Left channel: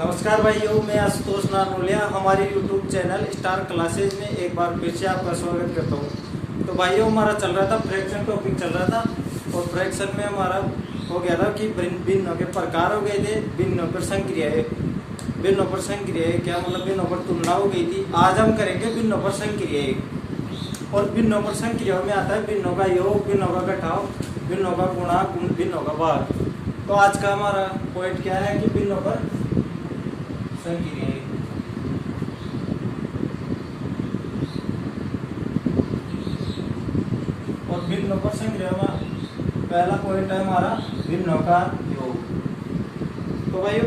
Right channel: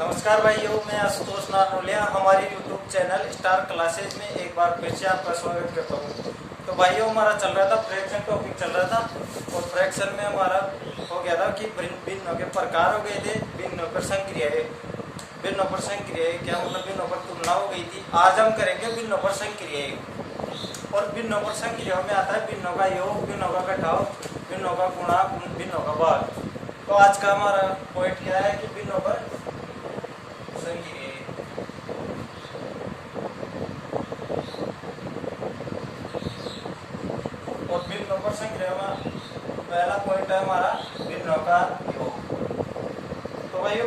नमस्कार भाइयों, मैं आशुतोष नानोलिया हमारी यूट्यूब चैनल स्टार क्लासेज में एक बार फिर से आपका स्वागत करता हूँ। तो भाइयों, हमारा चल रहा था फ्रैक्शन टॉपिक चल रहा था और फ्रैक्शन में हमारा हो गया था कि भिन्नों के प्रकार हो गए थे, भिन्नों पर संक्रियाएं। भिन्नों पर संक्रियाएं क्या मतलब, भिन्नों पर तुलना हो गई थी। आज हम करेंगे भिन्नों पर संक्रियाएं। और भिन्नों पर संक्रियाओं में आता है भिन्नों का योग, भिन्नों का घटाव, भिन्नों का गुणा, भिन्नों का भाग। तो आज का हमारा पॉइंट क्या है कि भिन्नों पर संक्रियाएं। और भिन्नों पर संक्रियाओं में पहला पॉइंट है हमारा भिन्नों का योग। तो भाई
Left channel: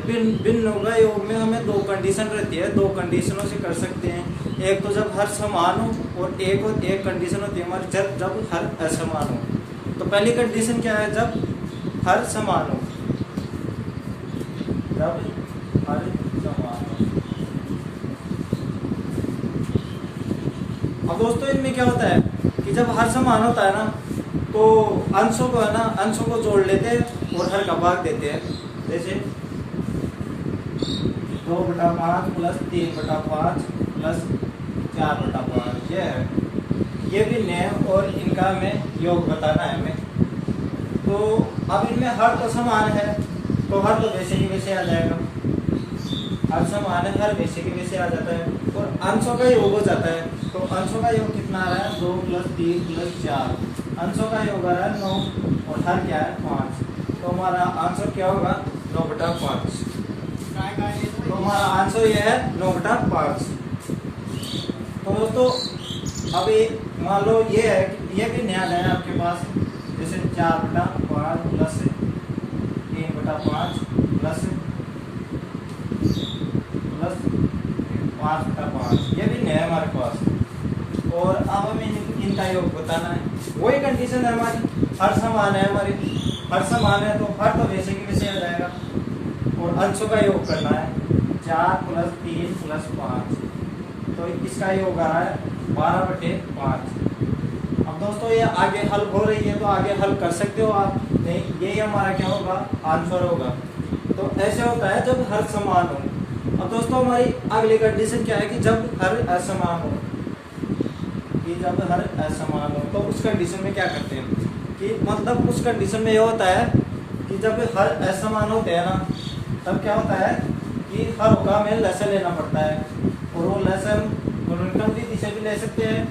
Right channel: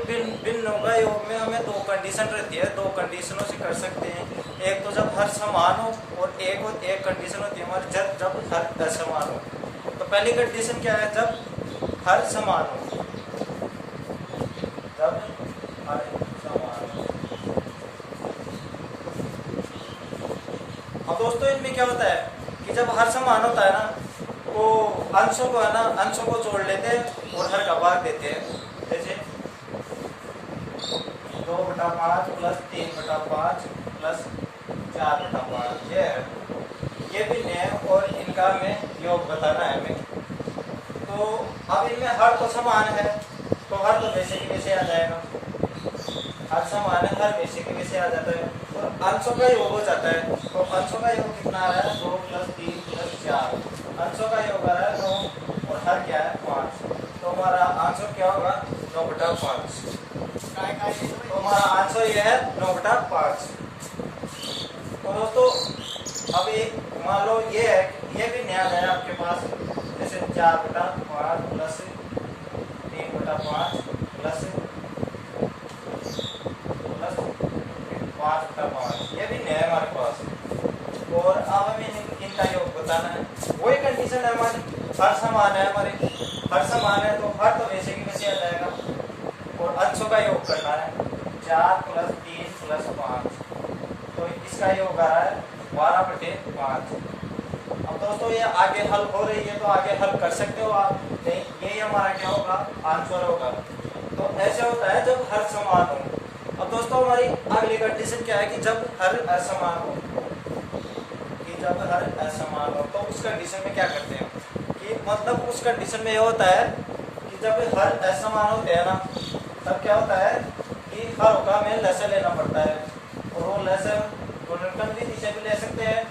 भिन्नों का योग में हमें दो कंडीशन रहती है, दो कंडीशनों से कर सकते हैं। एक तो जब हर समान हो और एक कंडीशन होती है हमारी जब हर असमान हो। तो पहली कंडीशन क्या है, जब हर समान हो। जब हर समान हो। अब दोस्तों इनमें क्या होता है कि जब हर समान होता है ना, तो अंशों को है ना, अंशों को जोड़ लेते हैं और हर का भाग देते हैं। जैसे 2/5 प्लस 3/5 प्लस 4/5 ये भिन्न है और इनका हमें योग बताना है हमें। तो अब इनमें हर तो समान है, तो हर तो वैसे की वैसे आ जाएगा। हर समान है, हर वैसे के वैसे आ जाता है और अंशों का योग हो जाता है। तो अंशों का योग कितना आ रहा है, 2 + 3 + 4। अंशों का योग आ रहा है 9 और हर क्या है 5। तो हमारा आंसर क्या होगा, 9/5। तो हमारा आंसर ये है 9/5। तो दोस्तों अब ये मान लो ये है, ये भी नया है आपके पास। जैसे 4/5 प्लस 3/5 प्लस 5/5, ये भी नया है हमारे पास। और अब हमें इनका योग बताना है। वही कंडीशन है हमारी, हर समान है हमारी, हर समान है तो हर तो वैसे की वैसे आ जाएगा। और अंशों का योग करना है, 4 + 3 + 5। तो इसका योग आ रहा है 12/5। अब दोस्तों ये आगे हल हो रही है तो आगे हल कर सकते हो आप। नहीं, ये हमारा क्या होगा, आंसर होगा। तो ऐसे होता है जब हर समान हो। अब दोस्तों हमारी अगली कंडीशन क्या है कि जब हर असमान हो। कि जब हर असमान हो तो उस कंडीशन में क्या करते हैं कि मतलब उस कंडीशन में ये होता है कि जब हर असमान होते हैं ना, तब क्या होता है कि हर का हमें लसन लेना पड़ता है। और वो लसन गुणनखंड विधि से भी ले सकते हैं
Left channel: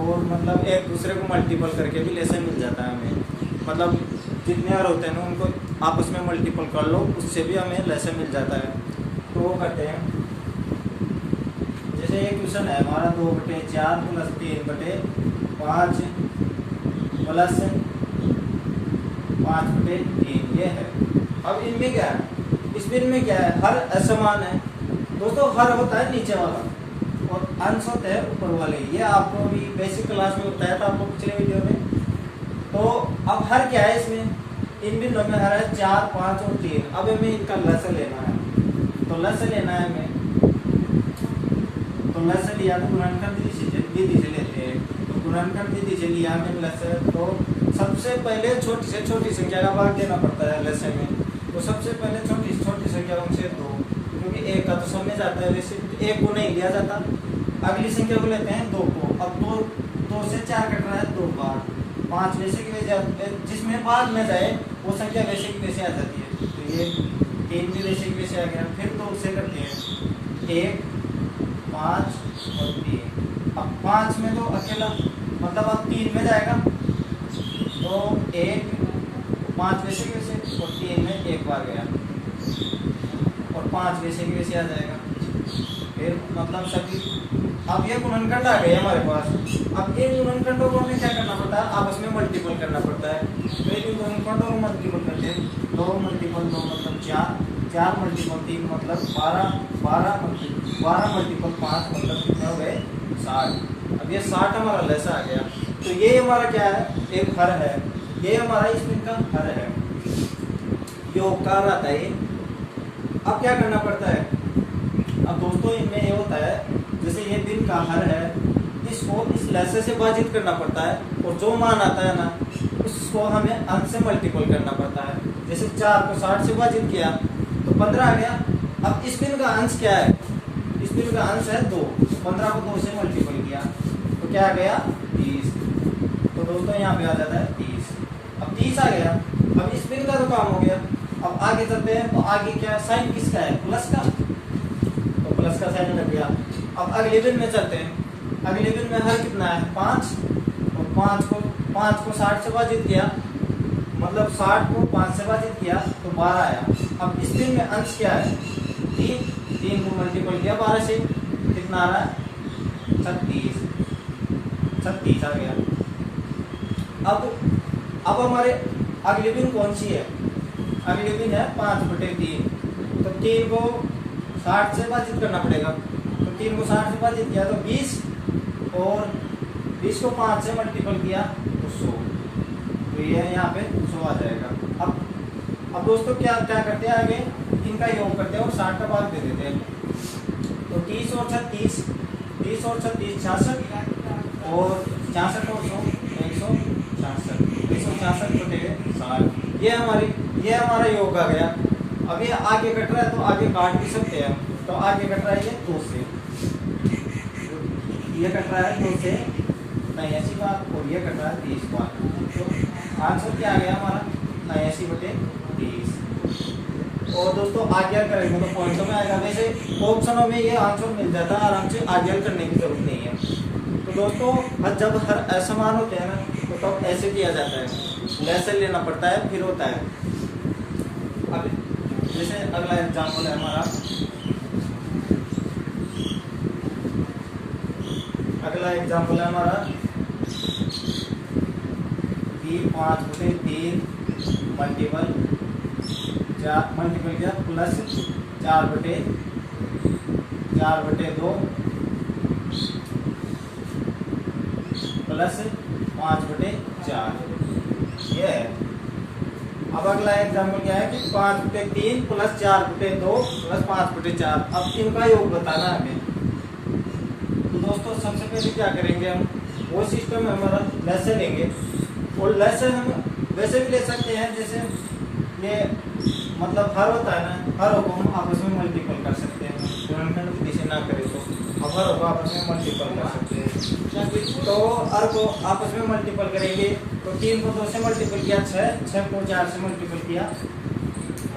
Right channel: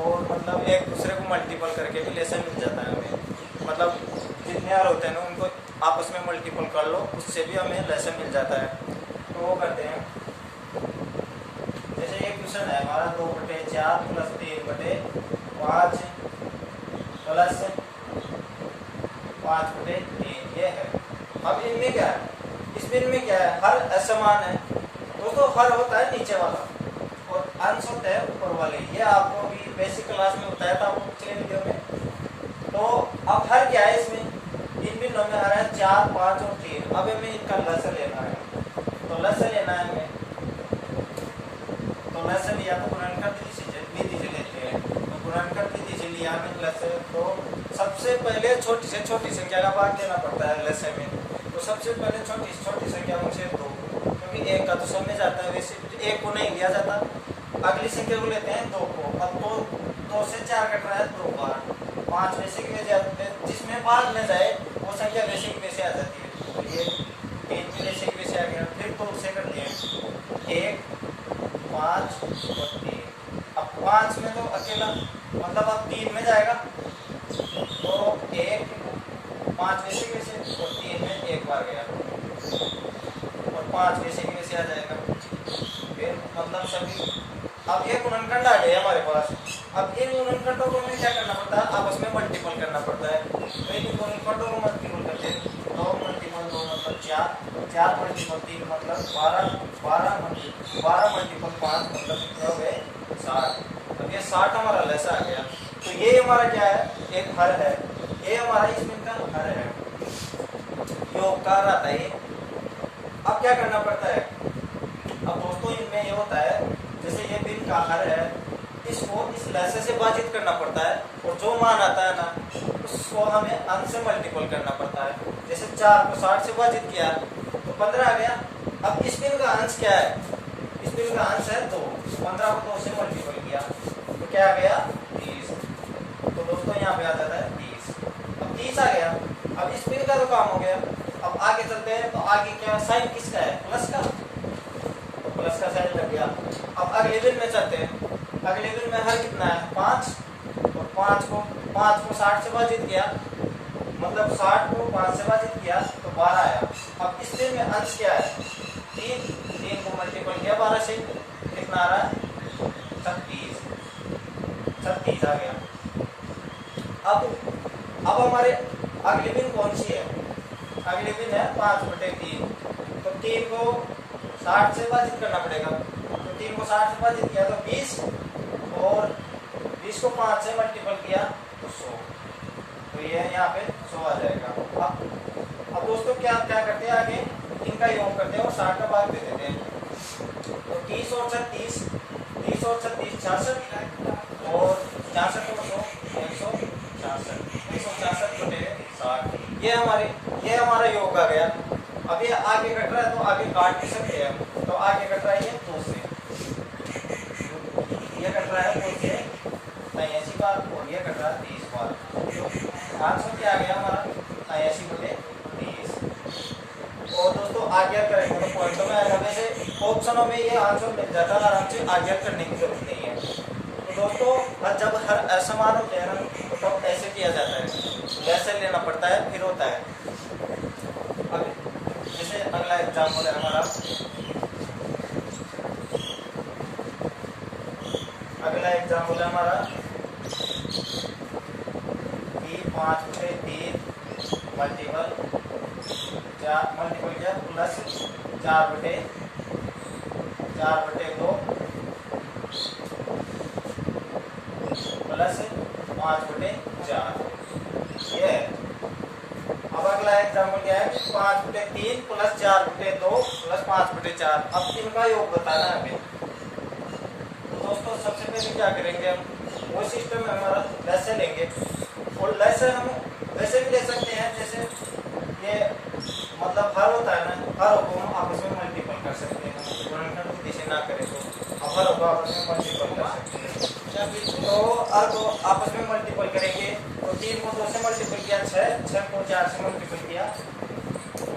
और मतलब एक दूसरे को मल्टीपल करके भी लेसन मिल जाता है हमें। मतलब जितने हर होते हैं ना उनको आपस में मल्टीपल कर लो, उससे भी हमें लेसन मिल जाता है। तो वो करते हैं, जैसे एक क्वेश्चन है हमारा 2/4 प्लस 3/5 प्लस 5/3 ये है। अब इनमें क्या है, इस बिन में क्या है, हर असमान है। दोस्तों हर होता है नीचे वाला और अंश होता है ऊपर वाले। ये आपको भी बेसिक क्लास में बताया था आपको पिछले वीडियो में। तो अब हर क्या है इसमें, इन बिंदुओं में हर है 4, 5 और 3। अब हमें इनका लसन लेना है। तो लसन लेना है हमें, तो लसन लिया तो गुणनखंड विधि से लेते हैं। तो गुणनखंड विधि से लिया हमें लसन। तो सबसे पहले छोटी से छोटी संख्या का भाग देना पड़ता है लसन में। तो सबसे पहले छोटी से छोटी संख्या उनसे 2, क्योंकि 1 का तो सब में जाता है, वैसे 1 को नहीं लिया जाता। अगली संख्या को लेते हैं 2 को। अब 2 से 4 कट रहा है 2 बार, 5 वैसे की वैसे जिसमें भाग में जाए वो संख्या वैसे की वैसे आ जाती है। तो ये 3 भी वैसे की वैसे आ गया। फिर 2 से करते हैं 1, 5 और 3। अब 5 में तो अकेला मतलब अब 3 में जाएगा तो 1, 5 वैसे कैसे और 3 में एक बार गया और 5 वैसे की वैसे आ जाएगा। फिर मतलब सभी अब ये गुणनखंड आ गए हमारे पास। अब इन गुणनखंडों को हमें क्या करना पड़ता है, आपस में मल्टीपल करना पड़ता है। तो इन गुणनखंडों को मल्टीपल करते हैं, 2 × 2 मतलब 4, 4 × 3 मतलब 12, 12 × 5 मतलब कितने हो गए 60। अब ये 60 हमारा लसा आ गया। तो ये हमारा क्या है, एक हर है। ये हमारा इसमें का हर है, योग का आता है। अब क्या करना पड़ता है, अब दोस्तों इनमें ये होता है जैसे ये बिन का हर है, इसको इस लसे से विभाजित करना पड़ता है और जो मान आता है ना उसको हमें अंश से मल्टीपल करना पड़ता है। जैसे 4 को 60 से विभाजित किया तो 15 आ गया। अब स्पिन का अंश क्या है? स्पिन का अंश है 2, 15 को 2 से मल्टीपल किया तो क्या आ गया 30। तो दोस्तों यहाँ पे आ जाता है 30। अब 30 आ गया। अब स्पिन का तो काम हो गया। अब आगे चलते हैं तो आगे क्या साइन किसका है? प्लस का, तो प्लस का साइन लग गया। अब अगले दिन में चलते हैं। अगले दिन में हर कितना है? 5। और 5 को 60 से भाजित किया, मतलब 60 को 5 से भाजित किया तो 12 आया। अब स्पिन में अंश क्या है? 3 को मल्टीपल किया 12 से, कितना आ रहा है? 36 आ गया। अब हमारे अगली बिन कौन सी है? अगली बिन है 5/3। तो 3 को 60 से भाजित करना पड़ेगा। तो 3 को 60 से भाजित किया तो 20, और 20 को 5 से मल्टीपल किया तो 100। तो ये यहाँ पे 100 आ जाएगा। अब दोस्तों क्या करते हैं आगे? इनका योग करते हैं और 60 का भाग दे देते हैं। तो 30 और 36, 66, और 66 और 100, 166 बटेगे 60। ये हमारा योग आ गया। अब ये आगे कट रहा है तो आगे काट भी सकते हैं हम। तो आगे कट रहा है ये 2 से, ये कट रहा है 2 से 89 बार, और ये कट रहा है 30 बार। तो आंसर क्या आ गया हमारा? 89/30। और दोस्तों आगे हल करेंगे तो पॉइंटों में आएगा। वैसे ऑप्शनों में ये आंसर मिल जाता है आराम से, आगे हल करने की जरूरत नहीं है। तो दोस्तों जब हर असमान होते हैं ना तो तब ऐसे किया जाता है, लेसन लेना पड़ता है, फिर होता है। अब जैसे अगला एग्जाम्पल है हमारा, कि 5/3 मल्टीपल किया प्लस 4/2 प्लस 5/4, ये है। अब अगला एग्जाम्पल क्या है कि 5/3 प्लस 4/2 प्लस 5/4। अब इनका योग बताना है हमें। तो दोस्तों सबसे पहले क्या करेंगे हम? वो सिस्टम में हमारा लेसे लेंगे, और लेसे हम वैसे भी ले सकते हैं, जैसे ये मतलब हर होता है ना, हर को हम आपस में मल्टीपल कर सकते हैं, गुणनखंड दिशा ना करें तो अब हर को आपस में मल्टीपल कर सकते हैं। तो हर को आपस में मल्टीपल करेंगे तो 3 को 2 से मल्टीपल किया 6 को 4 से मल्टीपल किया,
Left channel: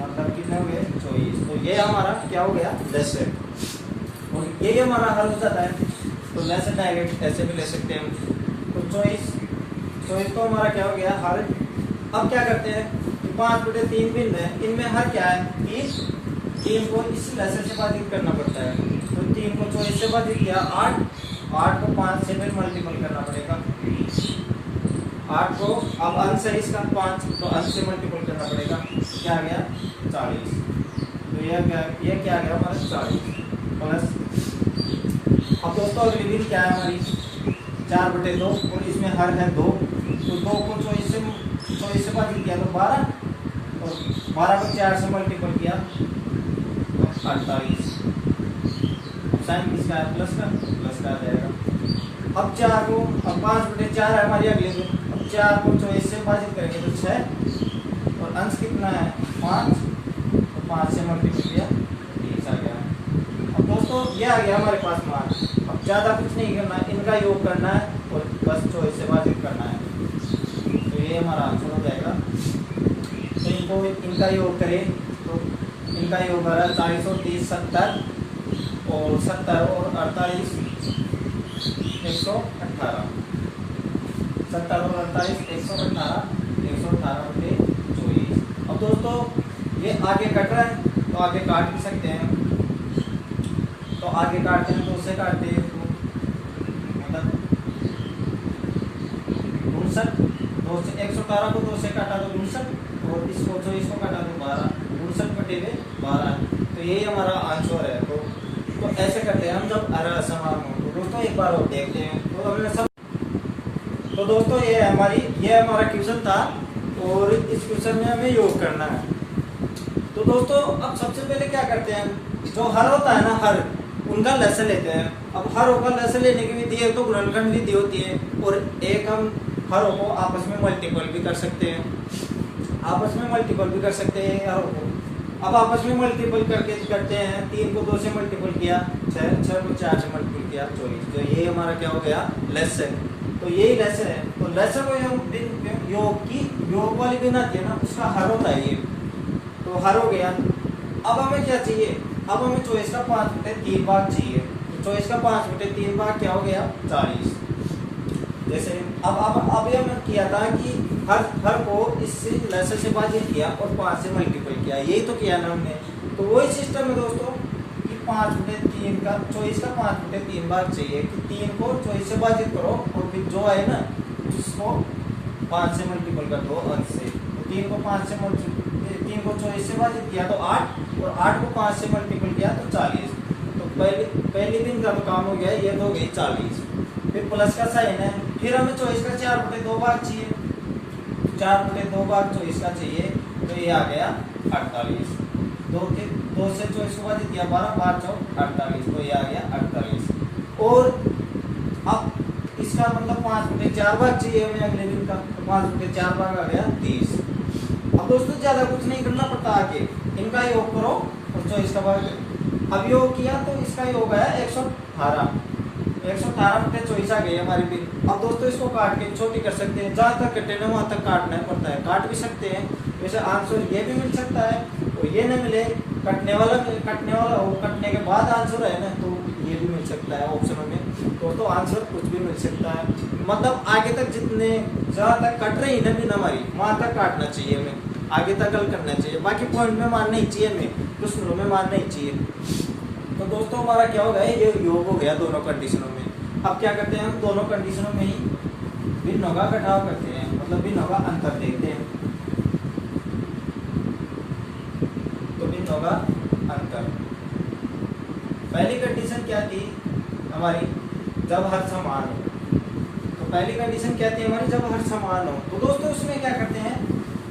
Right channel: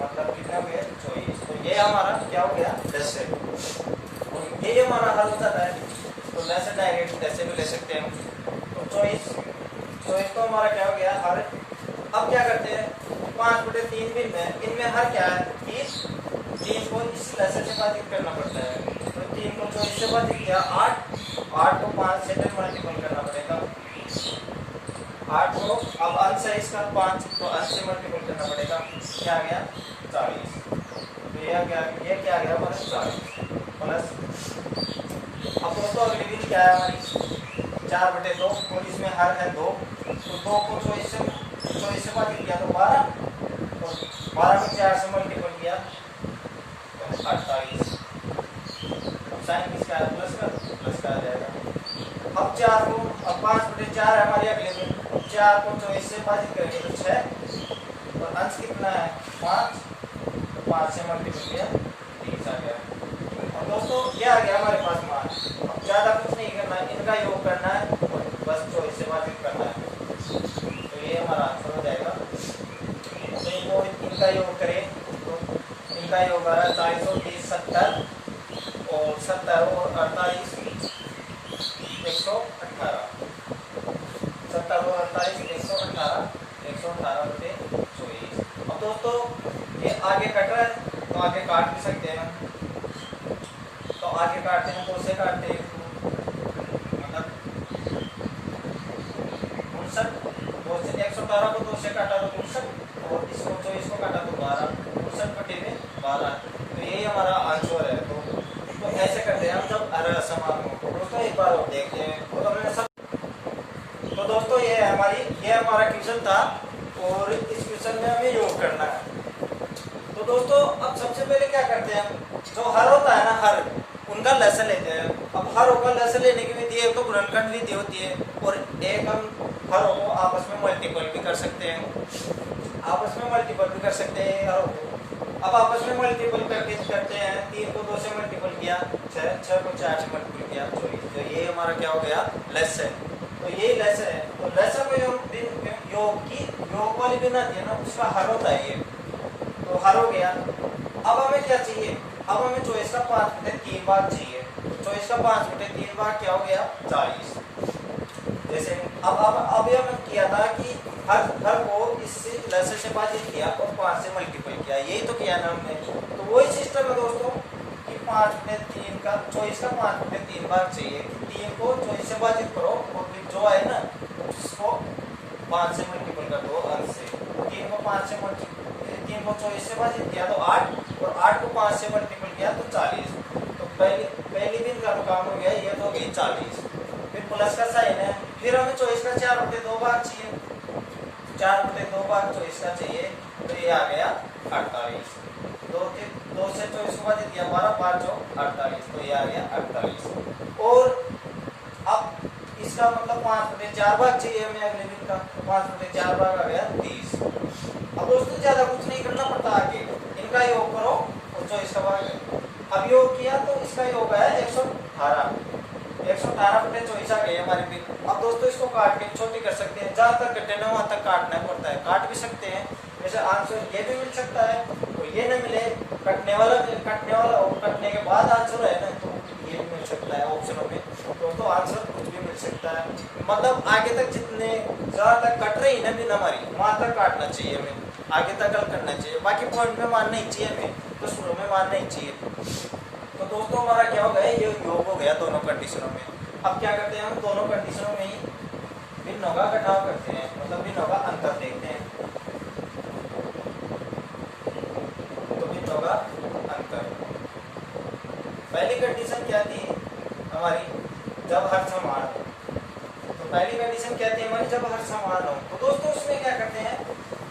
मतलब कितना हो गया 24। तो ये हमारा क्या हो गया? लेसे। और ये हमारा हल हो जाता है। तो लेसे डायरेक्ट ऐसे भी ले सकते हैं। तो 24 तो हमारा क्या हो गया? हर। अब क्या करते हैं? 5/3 बिन में इनमें हर क्या है? 3 को इस लेसन से भाजित करना पड़ता है। तो 3 को 24 से भाजित किया 8 को 5 से फिर मल्टीपल करना पड़ेगा। 8 को अब अंश है इसका 5, तो अंश से मल्टीपल करना पड़ेगा, क्या आ गया? 40। तो ये क्या आ गया हमारा? 40 प्लस। अब दोस्तों अगली बिन क्या है हमारी? 4/2, और इसमें हर है 2। तो 2 को 24 से भाजित किया तो 12, और 12 को 4 से मल्टीपल किया तो 48। अब साइन किसका है? प्लस का आ जाएगा। अब 5/4 है हमारी अगली बिन। अब 4 को 24 से भाजित करेंगे तो 6, और अंश कितना है? 5, तो 5 से मल्टीपल किया 30 आ गया। अब दोस्तों ये आ गया हमारे पास मान। अब ज्यादा कुछ नहीं करना है, इनका योग करना है और बस 24 से भाजित करना है। तो ये हमारा आंसर हो जाएगा। तो इनका योग करें तो इनका योग आ रहा है 40 और 30 70, और 70 और 48 118। 70 और 48 118, 118/24। अब दोस्तों ये आगे कट रहा है तो आगे काट भी सकते हैं। तो आगे काटते हैं 2 से काटते हैं, मतलब 59। 2 से 118 को 2 से काटा तो 59, और इसको 24 को काटा तो 12, 59/12। तो यही हमारा आंसर है। तो ऐसे करते हैं हम जब असमान हो। तो दोस्तों एक बार और देखते हैं। और हमने सब, तो दोस्तों ये हमारा क्वेश्चन था, और इस क्वेश्चन में हमें योग करना है। तो दोस्तों अब सबसे पहले क्या करते हैं? जो हर होता है ना, हर उनका लेसन लेते हैं। अब हर का लेसन लेने की विधि एक तो गुणनखंड विधि होती है, और एक हम हर को आपस में मल्टीपल भी कर सकते हैं, हरों को। अब आपस में मल्टीपल करके करते हैं, 3 को 2 से मल्टीपल किया 6, 6 को 4 से मल्टीपल किया 24। तो ये हमारा क्या हो गया, लेसन। तो यही लेसन है। तो लेसन में योग वाली बिन आती है ना, उसका हर होता है ये, तो हर हो गया। अब हमें क्या चाहिए, अब हमें चॉइस का 5/3 भाग चाहिए। चॉइस का 5/3 भाग क्या हो गया, 40। जैसे अब अभी हमने किया था कि हर को इससे लेसन से विभाजित किया और 5 से मल्टीपल किया, यही तो किया ना हमने। तो वही सिस्टम है दोस्तों कि 5/3 का चॉइस का 5/3 भाग चाहिए। 3 को चॉइस से विभाजित करो और फिर जो आए ना उसको 5 से मल्टीपल कर दो। और से 3 को 5 से 3 को चॉइस से विभाजित किया तो 8, और 8 को 5 से मल्टीपल किया तो 40। तो पहली दिन का काम हो गया, ये तो हो गई 40। फिर प्लस का साइन है, फिर हमें चॉइस का 4/2 भाग चाहिए। 4/2 भाग चॉइस का चाहिए, तो ये आ गया 48। 2 से चॉइस को विभाजित किया 12, 12 चौक 48, तो ये आ गया 48। और अब इसका मतलब 5/4 भाग चाहिए हमें अगले दिन का, तो 5/4 भाग आ गया 20। अब दोस्तों ज्यादा कुछ नहीं करना पड़ता, आगे इनका योग करो और चॉइस का भाग। अब योग किया तो इसका योग आया 118। 118/24 आ गई हमारी बिल। अब दोस्तों इसको काट के छोटी कर सकते हैं, जहां तक कटे ना वहां तक काटना पड़ता है, काट भी सकते हैं। वैसे आंसर ये भी मिल सकता है, तो ये न मिले कटने वाला हो, कटने के बाद आंसर है ना, तो ये भी मिल सकता है ऑप्शनों में। तो आंसर कुछ भी मिल सकता है, मतलब आगे तक जितने जहां तक कट रही है बिन हमारी वहां तक काटना चाहिए हमें, आगे तक हल करना चाहिए। बाकी पॉइंट में मानना ही चाहिए हमें, तो शुरू में मानना ही चाहिए। तो दोस्तों हमारा क्या हो गया, ये योग हो गया दोनों कंडीशनों में। अब क्या करते हैं, हम दोनों कंडीशनों में ही भिन्नों का घटाव करते हैं, मतलब भिन्नों का अंतर देखते हैं। तो भिन्नों का अंतर, पहली कंडीशन क्या थी हमारी, जब हर समान हो। तो पहली कंडीशन क्या थी हमारी, जब हर समान हो। तो दोस्तों उसमें क्या करते हैं,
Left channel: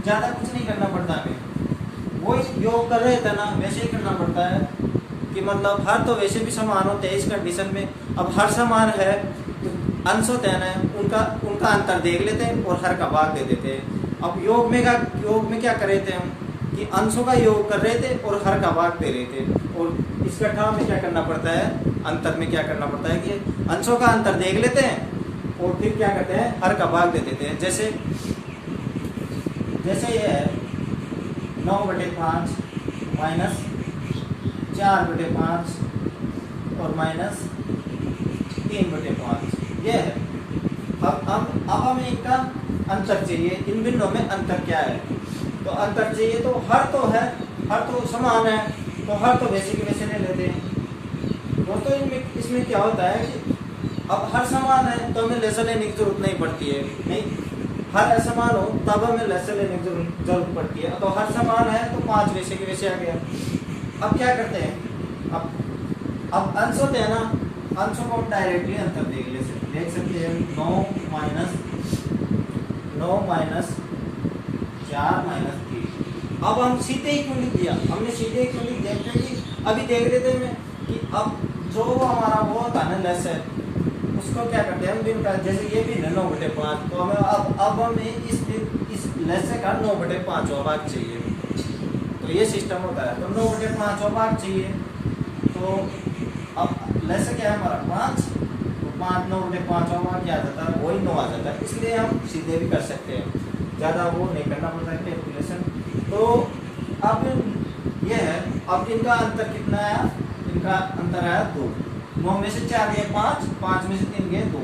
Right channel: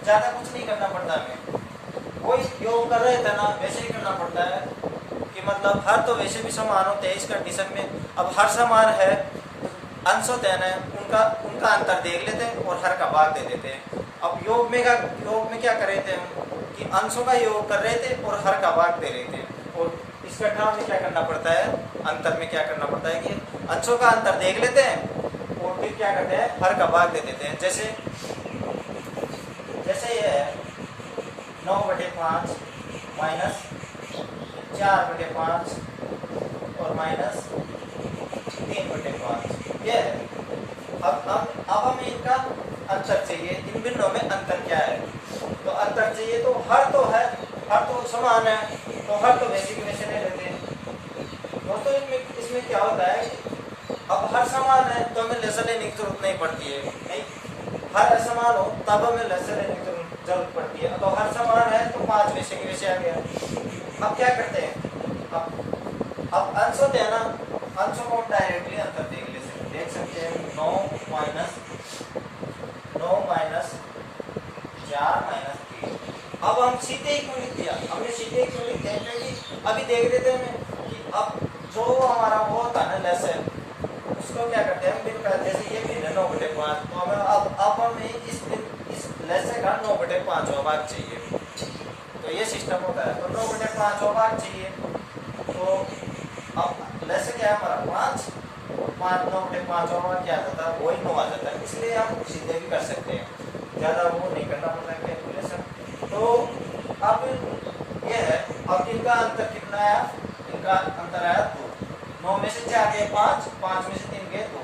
ज्यादा कुछ नहीं करना पड़ता हमें, वही योग कर रहे थे ना वैसे ही करना पड़ता है कि मतलब हर तो वैसे भी समान होते हैं इस कंडीशन में। अब हर समान है, अंश होते हैं ना, उनका अंतर देख लेते हैं और हर का भाग दे देते हैं। अब योग में क्या कर रहे थे हम कि अंशों का योग कर रहे थे और हर का भाग दे रहे थे। और इस कट्ठा में क्या करना पड़ता है, अंतर में क्या करना पड़ता है कि अंशों का अंतर देख लेते हैं और फिर क्या करते हैं, हर का भाग दे देते हैं। जैसे ये है 9/5 माइनस 4/5 और माइनस 3/5, ये है। अब हमें इनका अंतर चाहिए, इन बिंदुओं में अंतर क्या है। तो अंतर चाहिए तो हर तो है, हर तो समान है, तो हर तो वैसे की वैसे नहीं लेते दोस्तों। इसमें क्या होता है कि अब हर समान है तो हमें लेसन लेने की जरूरत नहीं पड़ती है, नहीं हर असमान हो तब हमें लेसन लेने की जरूरत पड़ती है। तो हर समान है तो 5 वैसे के वैसे आ गया। अब क्या करते हैं, अब अंश होते हैं ना, अंशों को हम डायरेक्टली अंतर देख सकते हैं। 9 माइनस 4 माइनस 3। अब हम सीधे ही क्यों लिख दिया, हमने सीधे ही क्यों लिख दिया, क्योंकि अभी देख लेते हैं कि अब जो हमारा वो होता है ना लेसन, उसको क्या करते हैं हम बिन का, जैसे ये बिन है 9/5, तो हमें अब हमें इस लेसन का 9/5 भाग चाहिए। तो ये सिस्टम होता है, तो 9/5 भाग चाहिए। तो अब लेसन क्या है हमारा 5, 9/5 भाग क्या आ जाता है, वही 9 आ जाता है। इसलिए हम सीधे भी कर सकते हैं, ज्यादा वो नहीं करना पड़ता कैलकुलेशन। तो अब ये है, अब इनका अंतर कितना आया, इनका अंतर आया 2। 9 में से 4 गए 5, 5 में से 3 गए 2,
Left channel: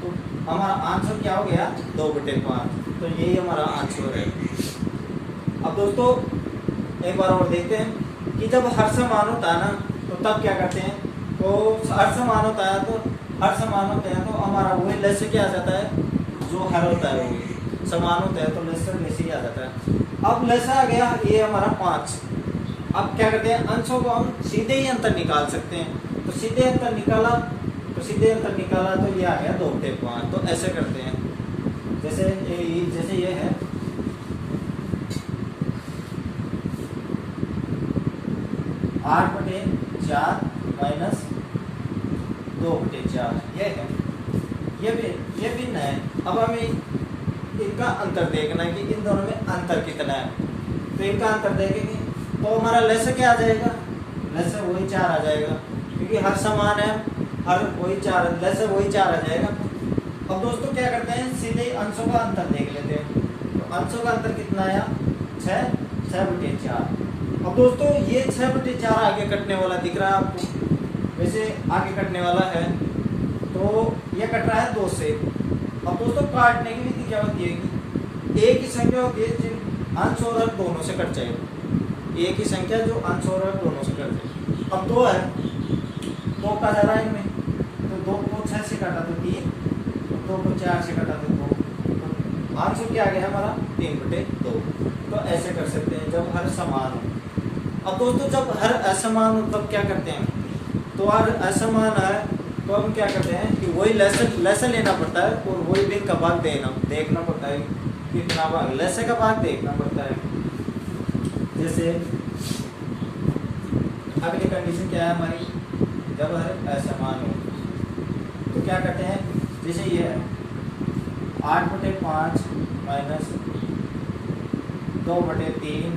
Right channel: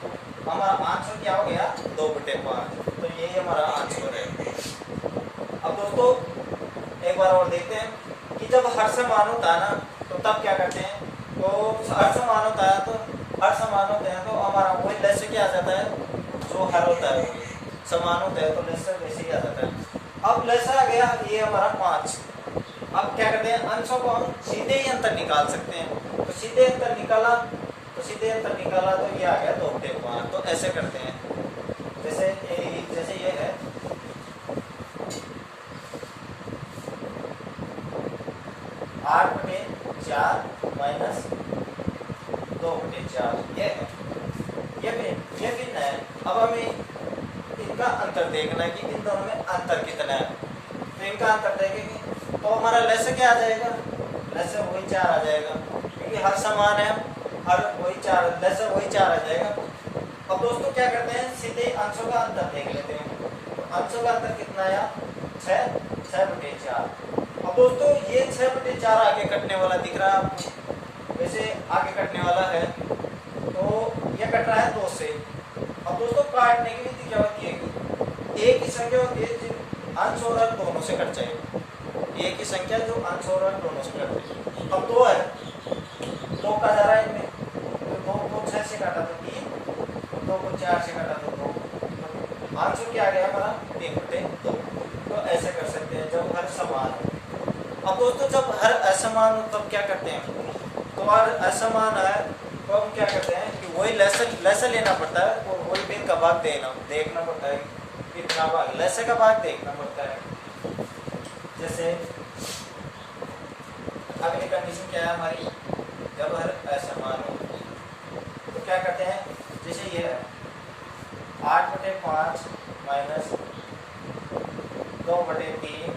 तो हमारा आंसर क्या हो गया 2/5। तो यही हमारा आंसर है। अब दोस्तों एक बार और देखते हैं कि जब हर समान होता है ना, तो तब क्या करते हैं, तो हर समान होता है तो हमारा वही लेसन क्या आ जाता है, जो हर होता है वही समान होता है, तो लेसन वैसे ही आ जाता है। अब लेसन आ गया ये हमारा 5। अब क्या करते हैं, अंशों को हम सीधे ही अंतर निकाल सकते हैं। तो सीधे अंतर निकाला तो ये आ गया 2/5। तो ऐसे करते हैं, जैसे ये है 8/4 माइनस 2/4, ये है, ये भी है। अब हमें इनका अंतर देखना है कि इन दोनों में अंतर कितना है। तो इनका अंतर देखेंगे तो हमारा लस क्या आ जाएगा, लस वही 4 आ जाएगा, क्योंकि हर समान है, हर वही 4, लस वही 4 आ जाएगा। अब दोस्तों क्या करते हैं, सीधे अंशों का अंतर देख लेते हैं। तो अंशों का अंतर कितना आया, 6/4। अब दोस्तों ये 6/4 आगे कटने वाला दिख रहा है आपको, वैसे आगे कटने वाला है, तो ये कट रहा है 2 से। अब दोस्तों काटने की विधि क्या होती है कि एक ही संख्या होती है जिन अंश और हर दोनों से कट जाएगी, एक ही संख्या जो अंश और हर दोनों से कट जाएगी। अब 2 है, 2 का जा रहा है इनमें, तो 2 को 6 से काटा तो 3, 2 को 4 से काटा तो 2, आंसर क्या आ गया हमारा 3/2। तो ऐसे कर सकते हैं जब हर समान हो। अब दोस्तों जब हर असमान हो तब क्या करते हैं, तो हर असमान है तो हम क्या करते हैं कि वही लसन लेना पड़ता है और वही भिन्न का भाग देखना पड़ता है, कितना भाग लसन का भाग देखना पड़ता है। जैसे अगली कंडीशन क्या है हमारी, जब हर असमान हो तो क्या करते हैं, जैसे ये है 8/5 माइनस 2/3।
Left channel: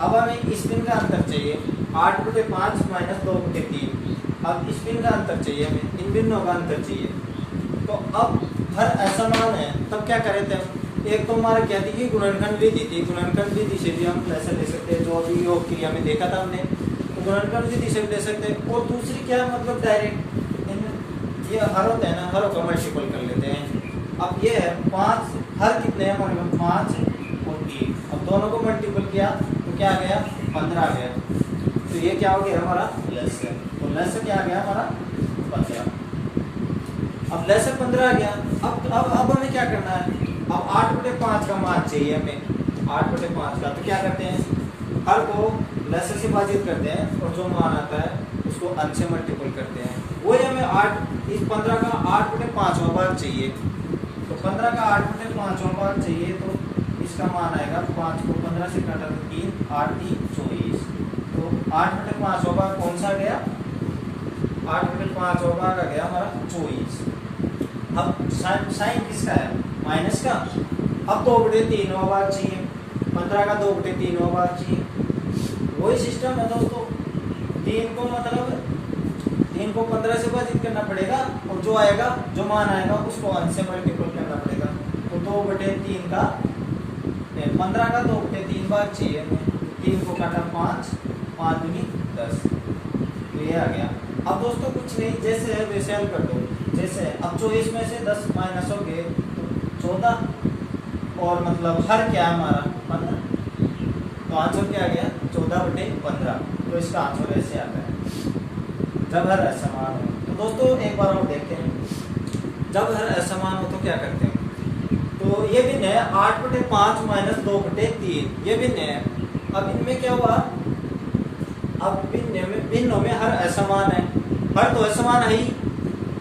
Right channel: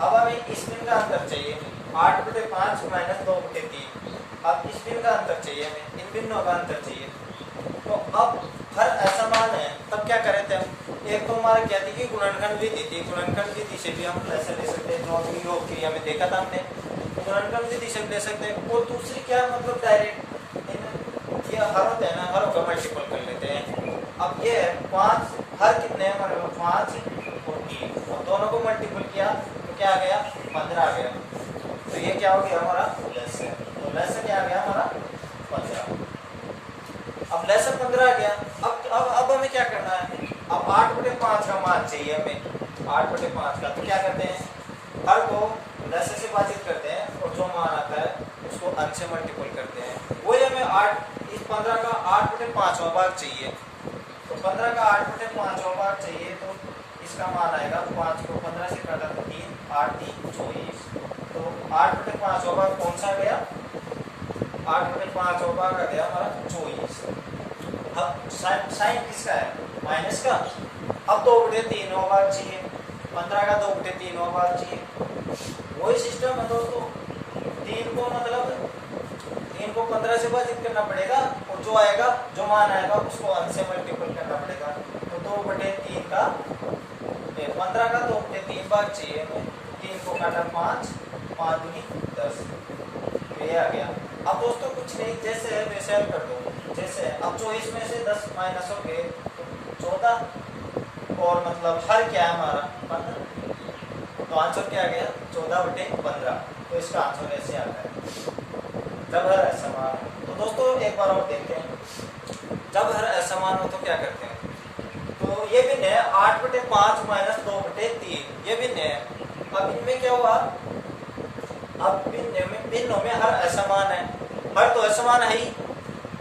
अब हमें इस दिन का अंतर चाहिए, 8/5 माइनस 2/3। अब इस दिन का अंतर चाहिए हमें, इन बिंदुओं का अंतर चाहिए। तो अब हर असमान है तब क्या करे थे, एक तो हमारा क्या थी कि गुणनखंड विधि थी, गुणनखंड विधि से भी हम ऐसा ले सकते हैं, जो अभी योग क्रिया में देखा था हमने, तो गुणनखंड विधि से भी ले सकते हैं। और दूसरी क्या मतलब डायरेक्ट ये हर होता है ना, हरों का मल्टीपल कर लेते हैं। अब ये है 5, हर कितने हैं हमारे पास 5 और 3, अब दोनों को मल्टीपल किया तो क्या आ गया 15 आ गया। तो ये क्या हो गया हमारा लसन, तो लसन क्या आ गया हमारा 15। अब लसन 15 आ गया। अब हमें क्या करना है, अब 8/5 का मान चाहिए हमें, 8/5 का, तो क्या करते हैं हर को लसन से भाजित करते हैं और जो मान आता है उसको अंश से मल्टीपल करते हैं। वही हमें 8 इस 15 का 8/5वां भाग चाहिए, तो 15 का 8/5वां भाग चाहिए, तो इसका मान आएगा 5 को 15 से काटा तो 3, 8 3 24। तो 8/5वां भाग कौन सा गया, 8/5वां भाग आ गया हमारा 24। अब साइन किसका है, माइनस का। अब 2/3वां भाग चाहिए, 15 का 2/3वां भाग चाहिए। वही सिस्टम है दोस्तों, 3 को मतलब 3 को 15 से भाजित करना पड़ेगा और जो आएगा, जो मान आएगा उसको अंश से मल्टीपल करना पड़ेगा। तो 2/3 का 15 का 2/3 भाग चाहिए हमें, 3 को काटा 5, 5 दूनी 10, ये आ गया। अब दोस्तों कुछ नहीं, जैसे है वैसे हल कर दो। जैसे अब 24 में से 10 माइनस हो गए तो 14, और मतलब हर क्या है हमारा 15, तो आंसर क्या आ गया 14/15। तो इसका आंसर ऐसे आता है जब हर असमान हो। तो दोस्तों एक बार और देखते हैं, जब हर असमान हो तो क्या करते हैं। तो ये भिन्न है 8/5 माइनस 2/3, ये भिन्न है। अब इनमें क्या हुआ, अब भिन्नों में हर असमान है, हर तो असमान है ही।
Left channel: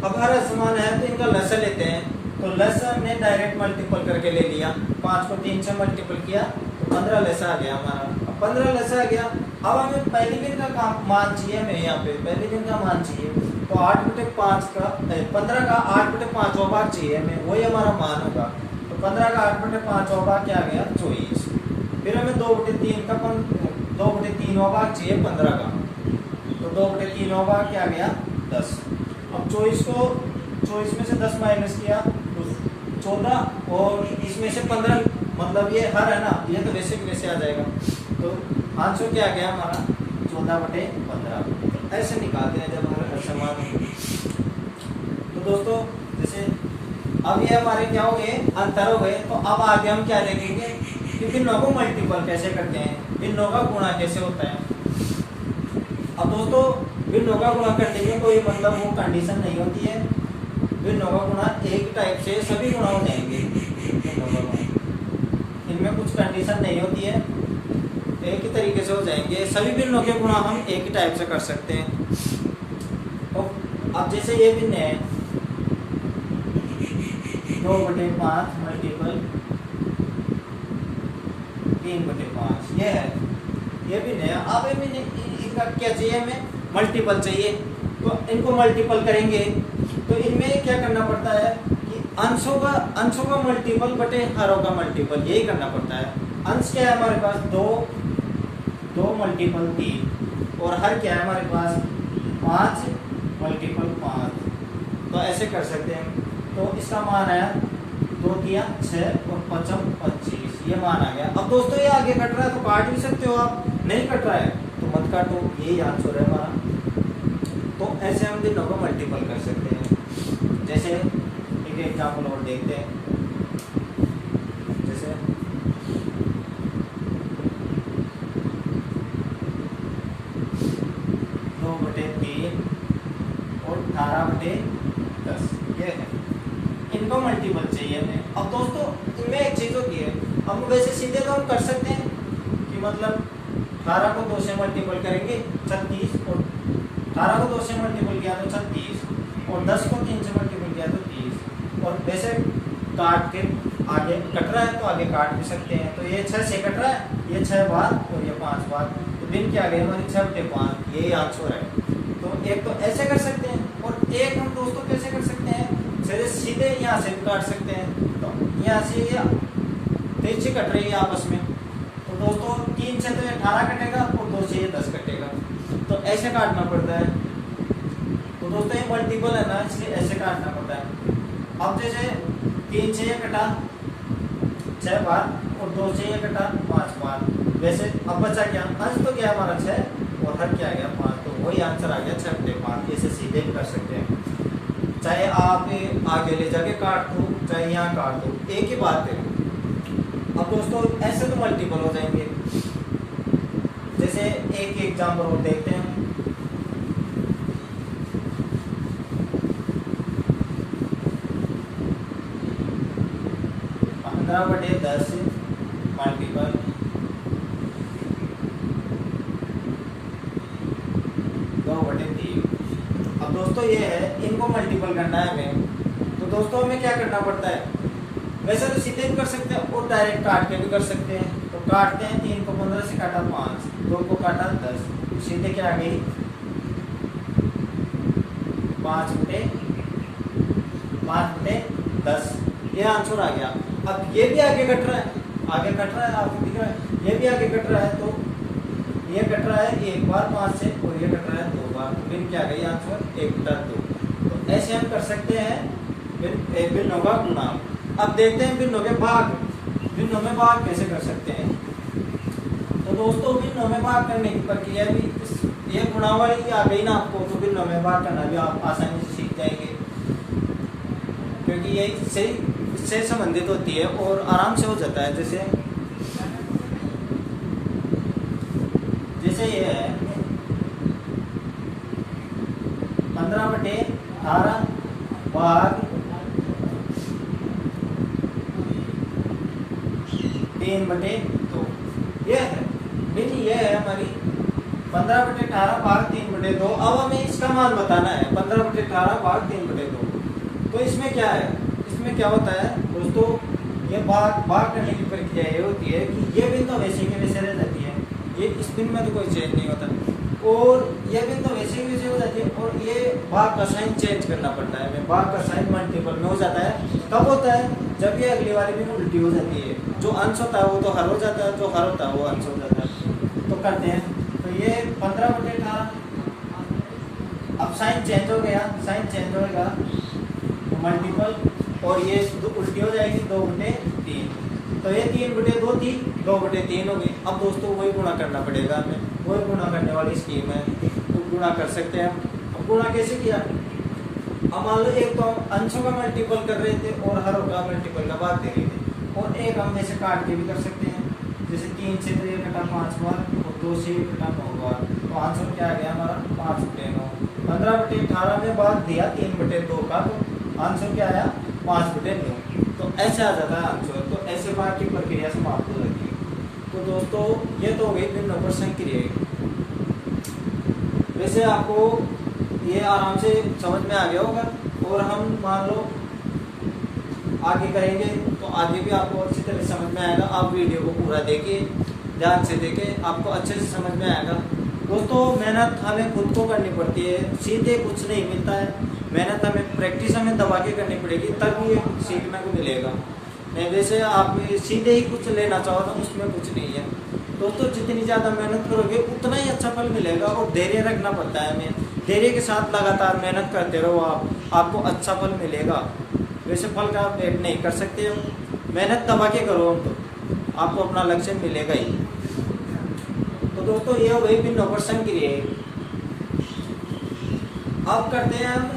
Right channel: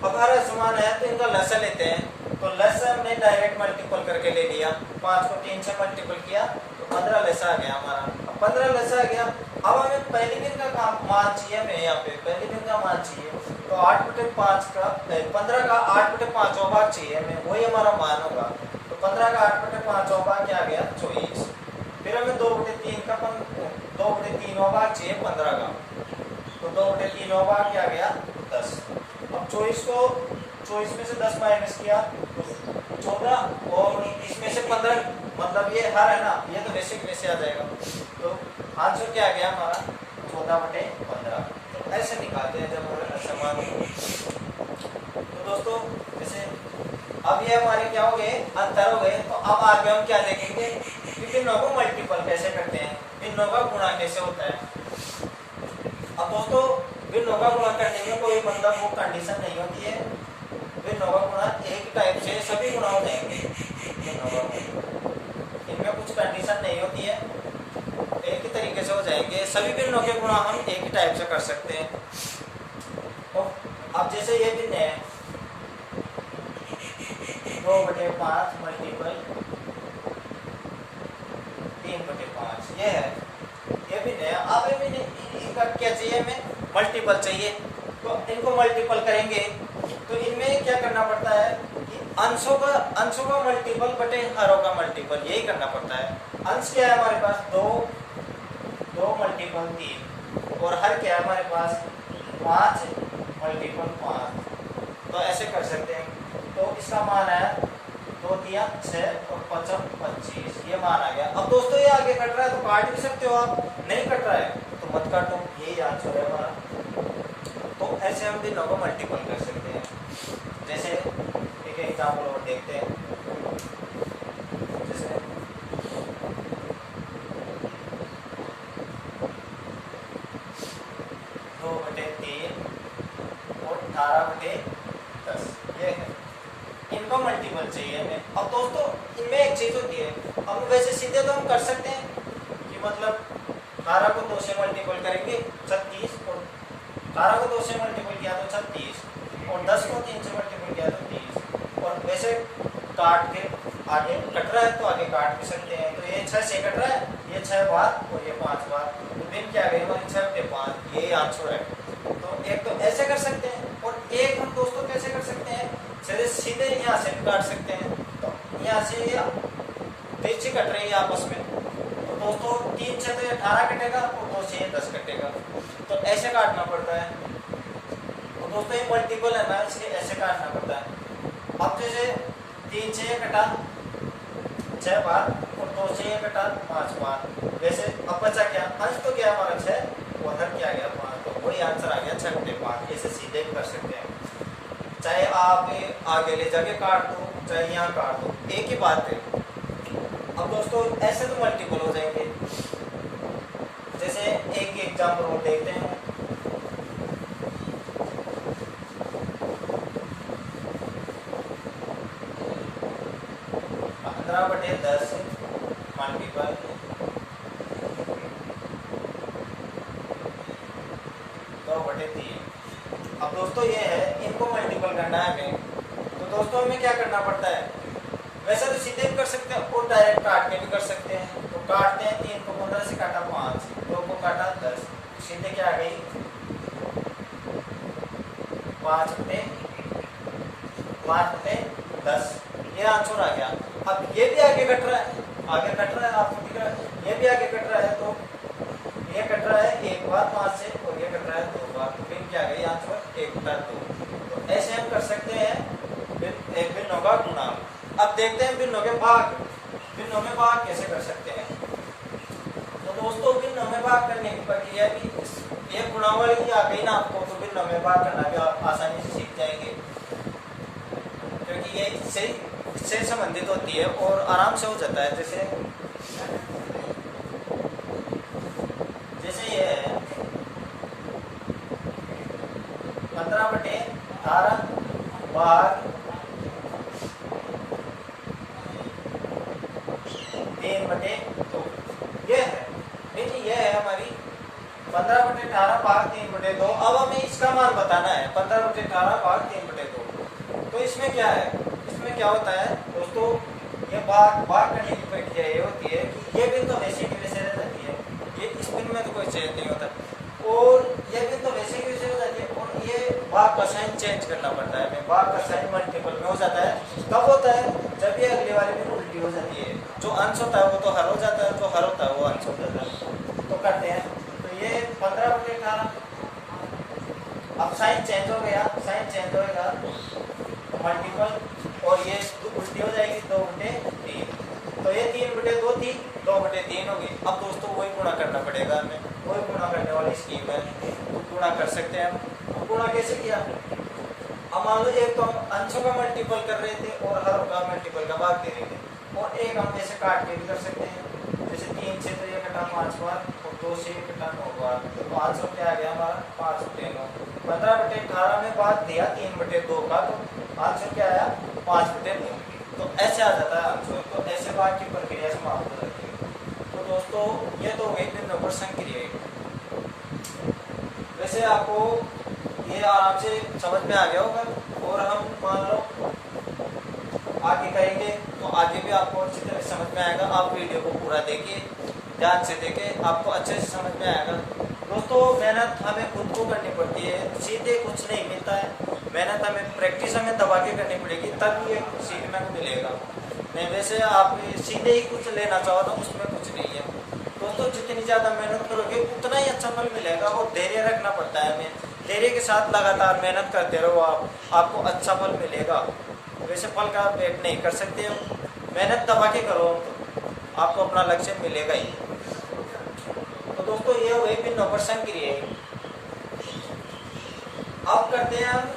अब हर असमान है तो इनका लसन लेते हैं, तो लसन ने डायरेक्ट मल्टीपल करके ले लिया, 5 को 3 से मल्टीपल किया तो 15 लसा आ गया हमारा। अब 15 लसा आ गया। अब हमें पहली बिन का मान चाहिए, हमें यहाँ पे पहली बिन का मान चाहिए, तो 8/5 का 15 का 8/5वां भाग चाहिए हमें, वही हमारा मान होगा। तो 15 का 8/5वां भाग क्या आ गया 24। फिर हमें 2/3वां भाग चाहिए 15 का, तो 2/3वां भाग क्या आ गया 10। अब 24 में से 10 माइनस किया तो 14, और इसमें से 15, मतलब ये हर है ना, ये तो वैसे वैसे आ जाएगा। तो आंसर क्या आ गया हमारा 14/15। ऐसे निकालते हैं जब हमारे असमान हो। तो दोस्तों जैसे अब ये हमारे क्या हो गए, अंतर हो गए। तो अब आगे हम क्या देखेंगे कि भिन्नों को मल्टीपल कैसे करते हैं, भिन्नों का गुणा कैसे होता है। अब दोस्तों भिन्नों का गुणा करने में कोई मतलब वो कंडीशन नहीं होती है, भिन्नों का गुणा एक टाइप से सभी गुणा हो जाएंगे। इनमें कुछ कंडीशन नहीं होती है, एक ही तरीके से हो जाएंगे सभी भिन्नों के गुणा, हम एक ही टाइप से कर सकते हैं। तो अब जैसे ये भिन्न है 2/5 मल्टीपल 3/5, ये है, ये भिन्न है। अब इनका क्या चाहिए, हमें मल्टीपल चाहिए, तो इनको मल्टीपल करेंगे तो इनमें क्या करना पड़ता है कि अंशों का मल्टीपल बटे हरों का मल्टीपल, यही करना पड़ता है। अंश क्या है हमारे पास 2, 2 मल्टीपल 3 और हर क्या है हमारे पास 5 मल्टीपल 5। तो ऐसे कर सकते हैं। तो इसका मान है 2 3 6 और 5 25, ये मान आ गया। अब दोस्तों ये आगे कट रहा है तो काट भी सकते हो आप, नहीं कट रहा है तो मत काटो, यही आंसर है हमारा। तो ऐसे हम तीनों को मल्टीपल कर सकते हैं। जैसे एक एग्जाम्पल और देखते हैं। जैसे 2/3 और 18/10, ये है। इनको मल्टीपल चाहिए हमें। अब दोस्तों इनमें एक चीज होती है, हम वैसे सीधे तो हम कर सकते हैं कि मतलब 18 को 2 से मल्टीपल करेंगे 36, और 18 को 2 से मल्टीपल किया तो 36, और 10 को 3 से मल्टीपल किया तो 30। और वैसे काट के आगे कट रहा है तो आगे काट भी सकते हैं। तो ये 6 से कट रहा है, ये 6 बार और ये 5 बार, तो दिन क्या गए हमारे 6/5, यही आंसर है। तो एक तो ऐसे कर सकते हैं, और एक हम दोस्तों कैसे कर सकते हैं, सीधे यहाँ से भी काट सकते हैं। तो यहाँ से तिरछी कट रही है आपस में, तो दोस्तों 3 से तो 18 कटेगा और 2 से 10 कटेगा, तो ऐसे काटना पड़ता है। तो दोस्तों ये मल्टीपल है ना, इसलिए ऐसे काटना पड़ता है। अब जैसे 3 से कटा 6 बार और 2 से कटा 5 बार, वैसे अब बचा क्या, अंश तो क्या हमारा 6 और हर क्या गया 5, तो वही आंसर आ गया 6/5। ऐसे सीधे भी कर सकते हैं, चाहे आप आगे ले जाके काट दो चाहे यहाँ काट दो, एक ही बात है। अब दोस्तों ऐसे तो मल्टीपल हो जाएंगे। जैसे एक एग्जाम्पल और देखते हैं। 15/10 मल्टीपल 2/3। अब दोस्तों ये है, इनको मल्टीपल करना है हमें, तो दोस्तों हमें क्या करना पड़ता है, वैसे तो सीधे भी कर सकते हैं और डायरेक्ट काट के भी कर सकते हैं। तो काटते हैं, 3 को 15 से काटा 5, 2 को काटा 10, सीधे क्या आ गई 5/10, ये आंसर आ गया। अब ये भी आगे कट रहा है, आपको दिख रहा है, ये भी आगे कट रहा है, तो ये कट रहा है 1 बार 5 से, और ये कट रहा है 2 बार, फिर क्या गई आंसर 1/2। तो ऐसे हम कर सकते हैं भिन्नों का गुणा। अब देखते हैं भिन्नों के भाग, भिन्नों में भाग कैसे कर सकते हैं। तो दोस्तों भिन्नों में भाग करने की प्रक्रिया भी ये गुणा वाली आ गई ना आपको, तो भिन्नों में भाग करना भी आप आसानी से सीख जाएंगे, क्योंकि ये इससे संबंधित होती है और आराम से हो जाता है। जैसे ये है 15/18 भाग 3/2, ये है ये है हमारी 15/18 भाग 3/2। अब हमें इसका मान बताना है 15/18 भाग 3/2। तो इसमें क्या है, इसमें क्या होता है दोस्तों, ये भाग करने की प्रक्रिया ये होती है कि ये भी तो वैसे की वैसे रह जाती है, ये स्पिन में तो कोई चेंज नहीं होता, और ये भी तो वैसे की वैसे हो जाती है, और ये भाग का साइन चेंज करना पड़ता है। भाग का साइन मल्टीपल में हो जाता है, कब होता है, जब ये अगली वाली भी उल्टी हो जाती है। जो अंश होता है वो तो हर हो जाता है, जो हर होता है वो अंश हो जाता है। तो करते हैं, तो ये 15/18, अब साइन चेंज हो गया, साइन चेंज होगा मल्टीपल, और ये उल्टी हो जाएगी 2/3, तो ये 3/2 थी, 2/3 होगी। अब दोस्तों वही गुणा करना पड़ेगा हमें, वही गुणा करने वाली स्कीम है, तो गुणा कर सकते हैं। अब गुणा कैसे किया, अब मान लो एक तो अंशों का मल्टीपल कर रहे थे और हरों का मल्टीपल का भाग दे रहे थे, और एक हम ऐसे काट के भी कर सकते हैं। जैसे 3 से तो ये कटा 5 बार और 2 से ये कटा 9 बार, तो आंसर क्या आ गया हमारा 5/9। 15/18 में भाग दिया 3/2 का, तो आंसर क्या आया 5/9। तो ऐसे आ जाता है आंसर। तो ऐसे भाग की प्रक्रिया समाप्त हो जाती है। तो दोस्तों ये तो हुई भिन्न पर संक्रिया। वैसे आपको ये आराम से समझ में आ गया होगा, और हम मान लो आगे करेंगे तो आगे भी आपको अच्छी तरह समझ में आएगा। आप वीडियो को पूरा देखिए, ध्यान से देखिए, आपको अच्छे से समझ में आएगा। दोस्तों मेहनत हमें खुद को करनी पड़ती है, सीधे कुछ नहीं मिलता है। मेहनत हमें, प्रैक्टिस हमें दबा के करनी पड़ेगी, तब ये सीखने को मिलेगा। नहीं वैसे आप सीधे ही कुछ लेना चाहो तो उसमें कुछ नहीं है दोस्तों। जितनी ज़्यादा मेहनत करोगे उतना ही अच्छा फल मिलेगा, और धैर्य रखना पड़ता है। हमें धैर्य के साथ लगातार मेहनत करते रहो आपको अच्छा फल मिलेगा। वैसे फल का वेट नहीं कर सकते हो, मेहनत दबा के करो हम तो आपको अपना लक्ष्य मिलेगा ही। तो दोस्तों ये हो गई भिन्न ऑपरेशन क्रिया। अब करते हैं हम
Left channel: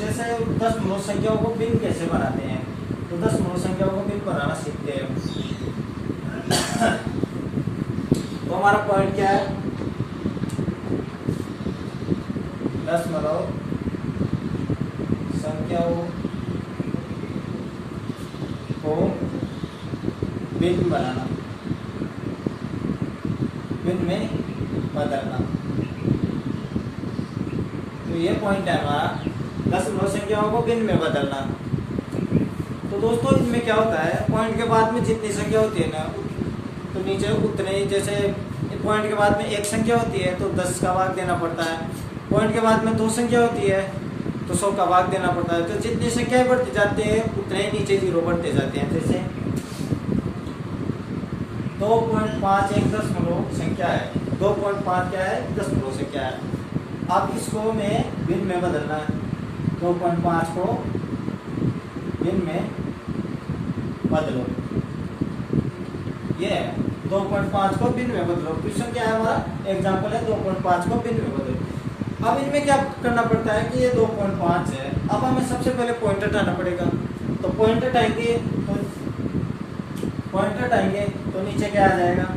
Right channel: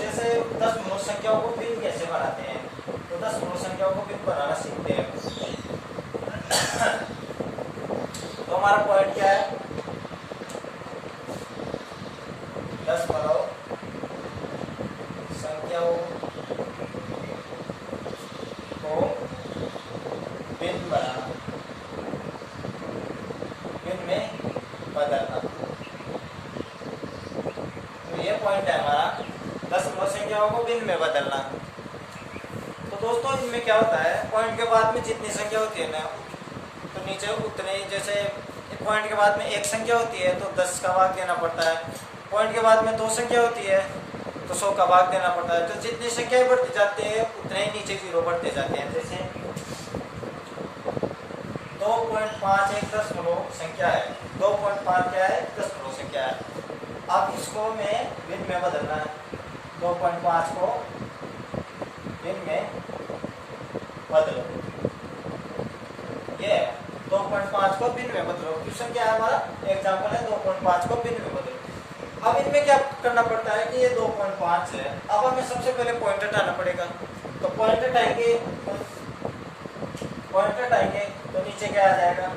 जैसे 10 मूल संख्याओं को भिन्न कैसे बनाते हैं। तो 10 मूल संख्याओं को भिन्न बनाना सीखते हैं। तो हमारा पॉइंट क्या है, 10 संख्याओं को भिन्न बनाना, भिन्न में बदलना। तो ये पॉइंट है हमारा, 10 मूल संख्याओं को भिन्न में बदलना। तो दोस्तों इसमें क्या होता है, पॉइंट के बाद में जितनी संख्या होती है ना तो नीचे उतने, जैसे पॉइंट के बाद में एक संख्या होती है तो 10 का भाग देना पड़ता है। पॉइंट के बाद में 2 संख्या होती है तो 100 का भाग देना पड़ता है। तो जितनी संख्याएं बढ़ती जाती है उतने ही नीचे जीरो बढ़ते जाते हैं। जैसे 2.5 एक दशमलव संख्या है, 2.5 क्या है, दशमलव संख्या है। अब इसको में भिन्न में बदलना है, 2.5 को भिन्न में बदलो। ये 2.5 को भिन्न में बदलो। क्वेश्चन क्या है हमारा, एग्जांपल है 2.5 को भिन्न में बदलो। अब इनमें क्या करना पड़ता है कि ये 2.5 है। अब हमें सबसे पहले पॉइंट हटाना पड़ेगा। तो पॉइंट हटाएंगे तो नीचे क्या आ जाएगा,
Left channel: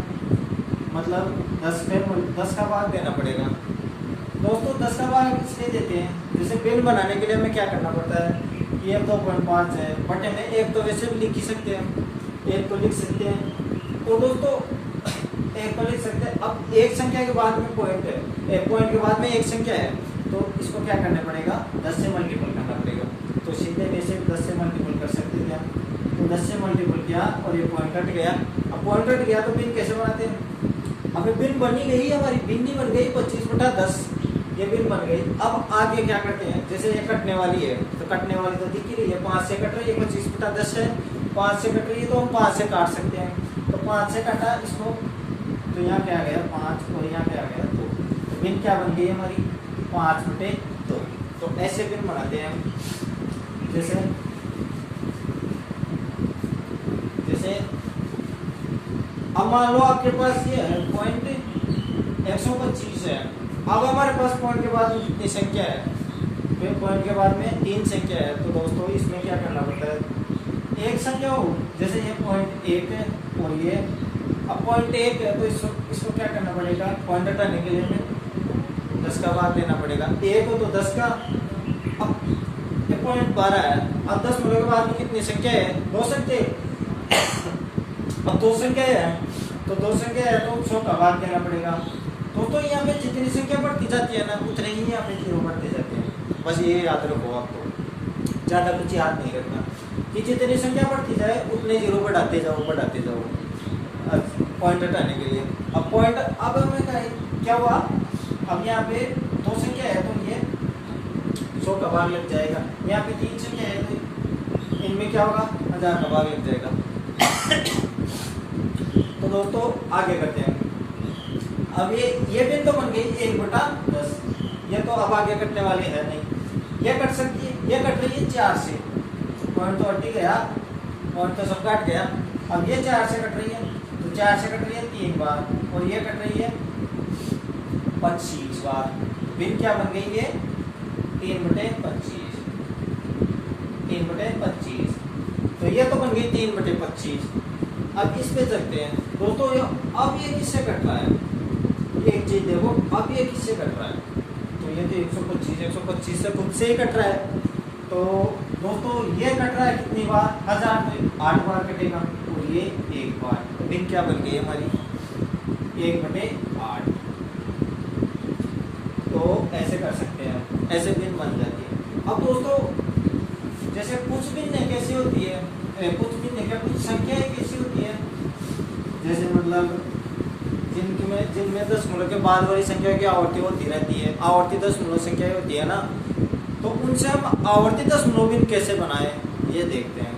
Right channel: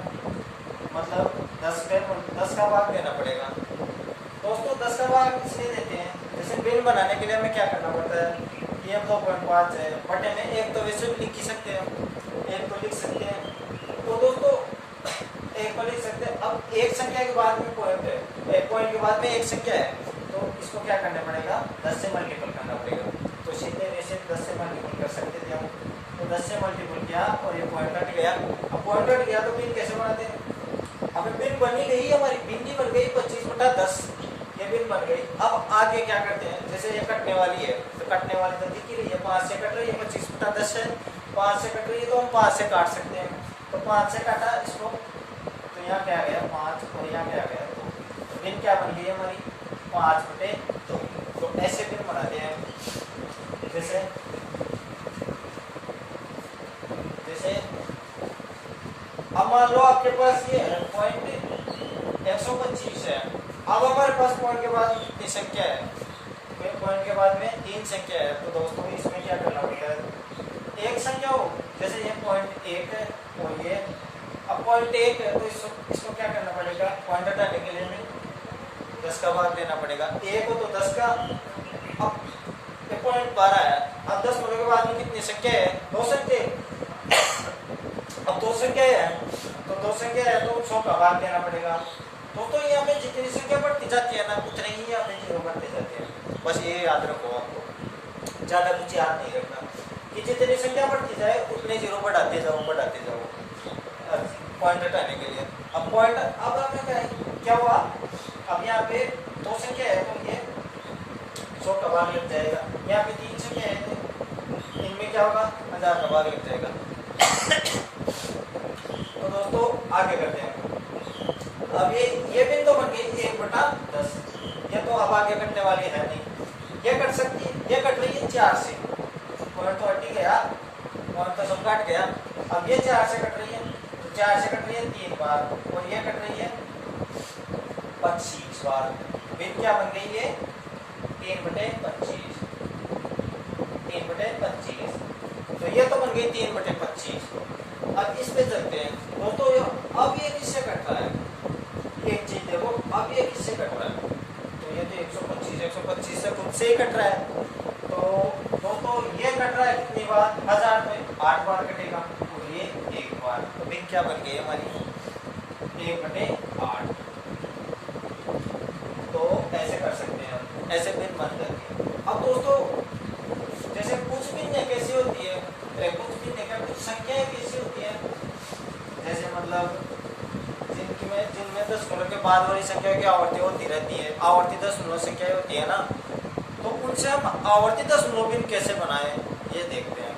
मतलब 10 का भाग देना पड़ेगा। दोस्तों 10 का भाग इसलिए देते हैं, जैसे भिन्न बनाने के लिए हमें क्या करना पड़ता है, ये 2.5 है बटे में एक, तो वैसे भी लिख ही सकते हैं, एक को लिख सकते हैं। तो दोस्तों एक को लिख सकते हैं। अब एक संख्या के बाद में पॉइंट है, एक पॉइंट के बाद में एक संख्या है, तो इसको क्या करना पड़ेगा, 10 से मल्टीपल करना पड़ेगा। तो सीधे वैसे 10 से मल्टीपल कर सकते थे हम। तो 10 से मल्टीपल किया और ये पॉइंट हट गया। अब पॉइंट हट गया तो भिन्न कैसे बनाते हैं, अब भिन्न बनी गई, हमारी भिन्न बन गई 25/10, ये भिन्न बन गई। अब आगे क्या करते हैं, जैसे ये कटने वाली है तो कटने वाली तो दिख ही रही है, 5 से कट रही है, 25/10 है, 5 से कट रही है तो हम 5 से काट सकते हैं। तो 5 से काटा इसको, तो यहाँ क्या आ गया 5 और यहाँ क्या आ गया 2। तो भिन्न क्या बन गई हमारी, 5/2। तो ऐसे भिन्न बनाते हैं हम। जैसे अब मान लो आपके पास ये है पॉइंट 125 है। अब हमारे पास पॉइंट के बाद में कितनी संख्या है, फिर पॉइंट के बाद में 3 संख्या है। तो दोस्तों इसमें क्या करना पड़ता है, एक संख्या हो, जैसे ये पॉइंट 1 है और ये, अब पॉइंट 1 है तो इसको क्या करना पड़ेगा, पॉइंट हटाने के लिए हमें 10 का भाग देना पड़ेगा। 1 हो तो 10 का, अब ये पॉइंट 12 है। अब 10 होने के बाद में कितनी संख्या है, 2 संख्या। अब 2 संख्या है तो 2 संख्या है तो 100 का भाग देना पड़ेगा। तो यहाँ पे जितनी संख्या बढ़ती जाती है ना उतने ही यहाँ पे जीरो बढ़ते जाते हैं। बस ये याद रखो, आपको ज्यादा कुछ याद नहीं रखना कि जितनी संख्या बढ़ती जाए उतने जीरो बढ़ाते जाओ पॉइंट हटाने के लिए। अब पॉइंट, अब हमें क्या हुआ, अब यहाँ पे 2 संख्या है तो ये 100 का भाग लग जाएगा। यहाँ पे 3 संख्या है तो इनमें क्या होगा, 1000 का भाग लग जाएगा। तो दोस्तों आगे करते हैं। अब ये भिन्न तो बन गई 1/10, ये तो अब आगे कटने वाली है नहीं, ये कट सकती है, ये कट रही है 4 से, पॉइंट तो हट ही गया, पॉइंट तो सब काट गया। अब ये 4 से कट रही है, तो 4 से कट रही है 3 बार, और ये कट रही है 25 बार। भिन्न क्या बन गई ये 3/25, 3/25। तो ये तो बन गई 3/25। अब इस पे चलते हैं दोस्तों। अब ये किससे कट रहा है, एक चीज देखो, अब ये किससे कट रहा है, तो ये तो 125 से खुद से ही कट रहा है। तो दोस्तों ये कट रहा है कितनी बार, 1000 में 8 बार कटेगा, और ये 1 बार। तो भिन्न क्या बन गई हमारी 1/8। तो ऐसे कर सकते हैं, ऐसे भिन्न बन जाती है। अब दोस्तों जैसे कुछ भिन्न कैसी होती है, कुछ भिन्न क्या, कुछ संख्याएं कैसी होती है, जैसे मतलब जिनमें दशमलव के बाद वाली संख्या की आवर्ती होती रहती है, आवर्ती दशमलव संख्या होती है ना, तो उनसे हम आवर्ती दशमलव भिन्न कैसे बनाए ये देखते हैं।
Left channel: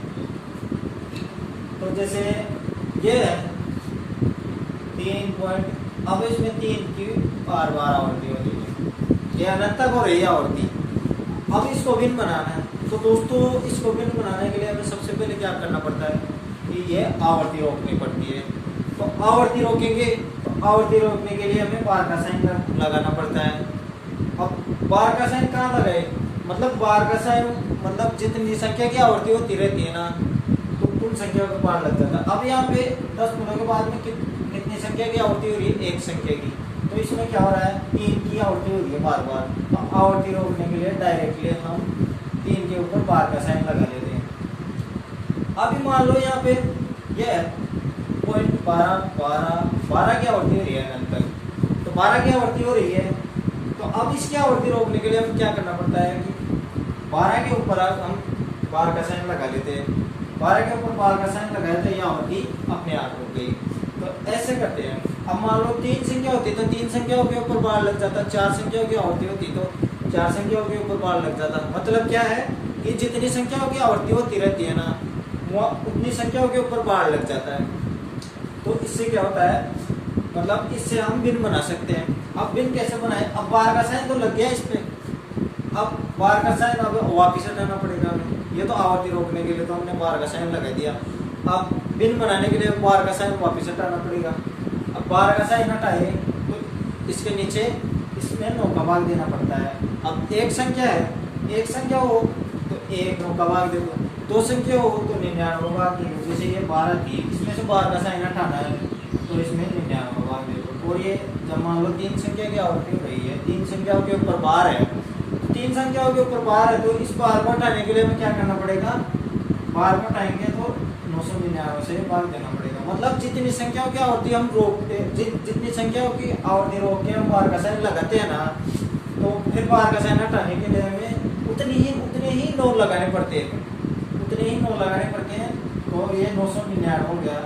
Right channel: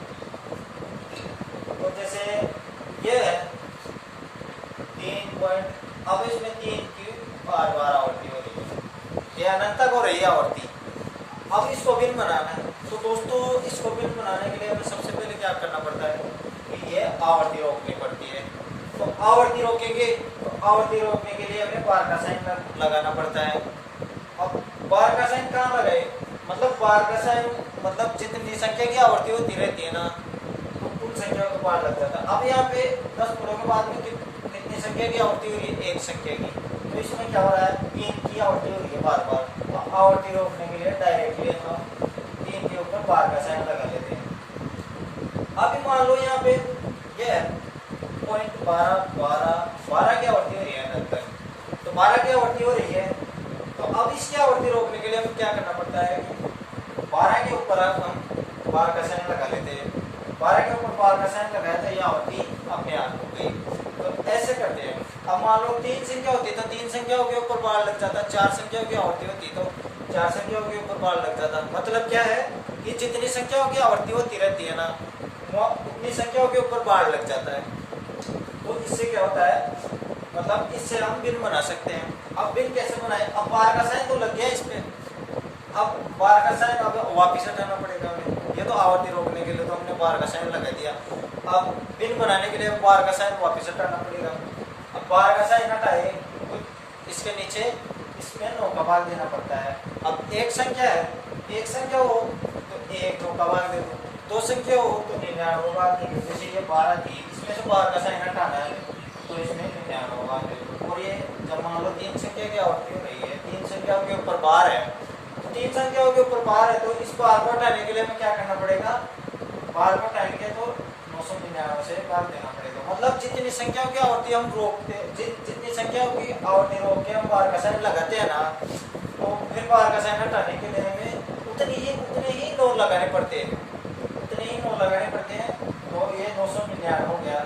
तो जैसे ये है 3 पॉइंट, अब इसमें 3 की बार बार आवर्ती हो रही है, ये अनंत तक हो रही है आवर्ती। अब इसको भिन्न बनाना है, तो दोस्तों इसको भिन्न बनाने के लिए हमें सबसे पहले क्या करना पड़ता है कि ये आवर्ती रोकनी पड़ती है। तो आवर्ती रोकेंगे, तो आवर्ती रोकने के लिए हमें बार का साइन लगाना पड़ता है। अब बार का साइन कहाँ लगाए, मतलब बार का साइन मतलब जितनी संख्या की आवर्ती होती रहती है ना, तो कुल संख्या का बार लग जाता है। अब यहाँ पे 10 मिनटों के बाद में कितनी संख्या की आवर्ती हो रही है, एक संख्या की, तो इसमें क्या हो रहा है 3 की आवर्ती हो रही है बार बार। तो आवर्ती रोकने के लिए डायरेक्टली हम 3 के ऊपर बार का साइन लगा लेते हैं। अभी मान लो यहाँ पे ये 12 की आवर्ती हो रही है अनंत तक, तो 12 की आवर्ती हो रही है। तो अब इसकी आवर्ती रोकने के लिए हमें क्या करना पड़ता है कि 12 के ऊपर हम बार का साइन लगा लेते हैं। 12 के ऊपर बार का साइन लगाया तो ये आवर्ती अपने आप हो गई। तो ऐसे करते हैं। अब मान लो 3 संख्या होती तो 3 संख्याओं के ऊपर बार लग जाता, 4 संख्याओं की आवर्ती होती तो 4 संख्याओं के ऊपर बार लग जाता। मतलब क्या है कि जितनी संख्याओं की आवर्ती होती रहती है ना, वो उतनी संख्याओं के ऊपर बार लग जाता है। तो इससे क्या होता है, मतलब इससे हम भिन्न बना सकते हैं। अब भिन्न कैसे बनाए, अब बार का साइन तो लग गया इस पे, अब बार का साइन अब वापिस हटाना पड़ेगा हमें। ये तो आवर्ती रोकने के लिए तो हमने बार का साइन लगा दिया, अब भिन्न बनाने के लिए बार का साइन वापिस हटाना पड़ेगा। अब बार का साइन हटाए तो इसके नीचे इसमें 9 का भाग देना पड़ता है। अब एक संख्या है, एक संख्या हो तो 1 9 का भाग दे दो, 2 संख्या हो तो 99 भाग दे दो। जैसे ये 12 थी, इसमें से बार का साइन हटाना है तो इसमें 99 भाग दे दो। और ये जब मान लो 3 संख्या की आवर्ती हो रही है, 3 संख्याओं के ऊपर बार है, 3 संख्याओं के ऊपर बार है, तो इस बार को हटाने के लिए हमें क्या करना पड़ेगा, बार को हटाएंगे तो 999 से भाग देना पड़ेगा। मतलब जितनी संख्याओं की आवर्ती हम रोकते, जितनी संख्याओं की आवर्ती रोक के हम बार का साइन लगाते हैं ना, तो फिर बार का साइन हटाने के लिए हमें उतने ही 9 लगाने पड़ते हैं, उतने ही 9 लगाने पड़ते हैं। तो ये 999 हो गया।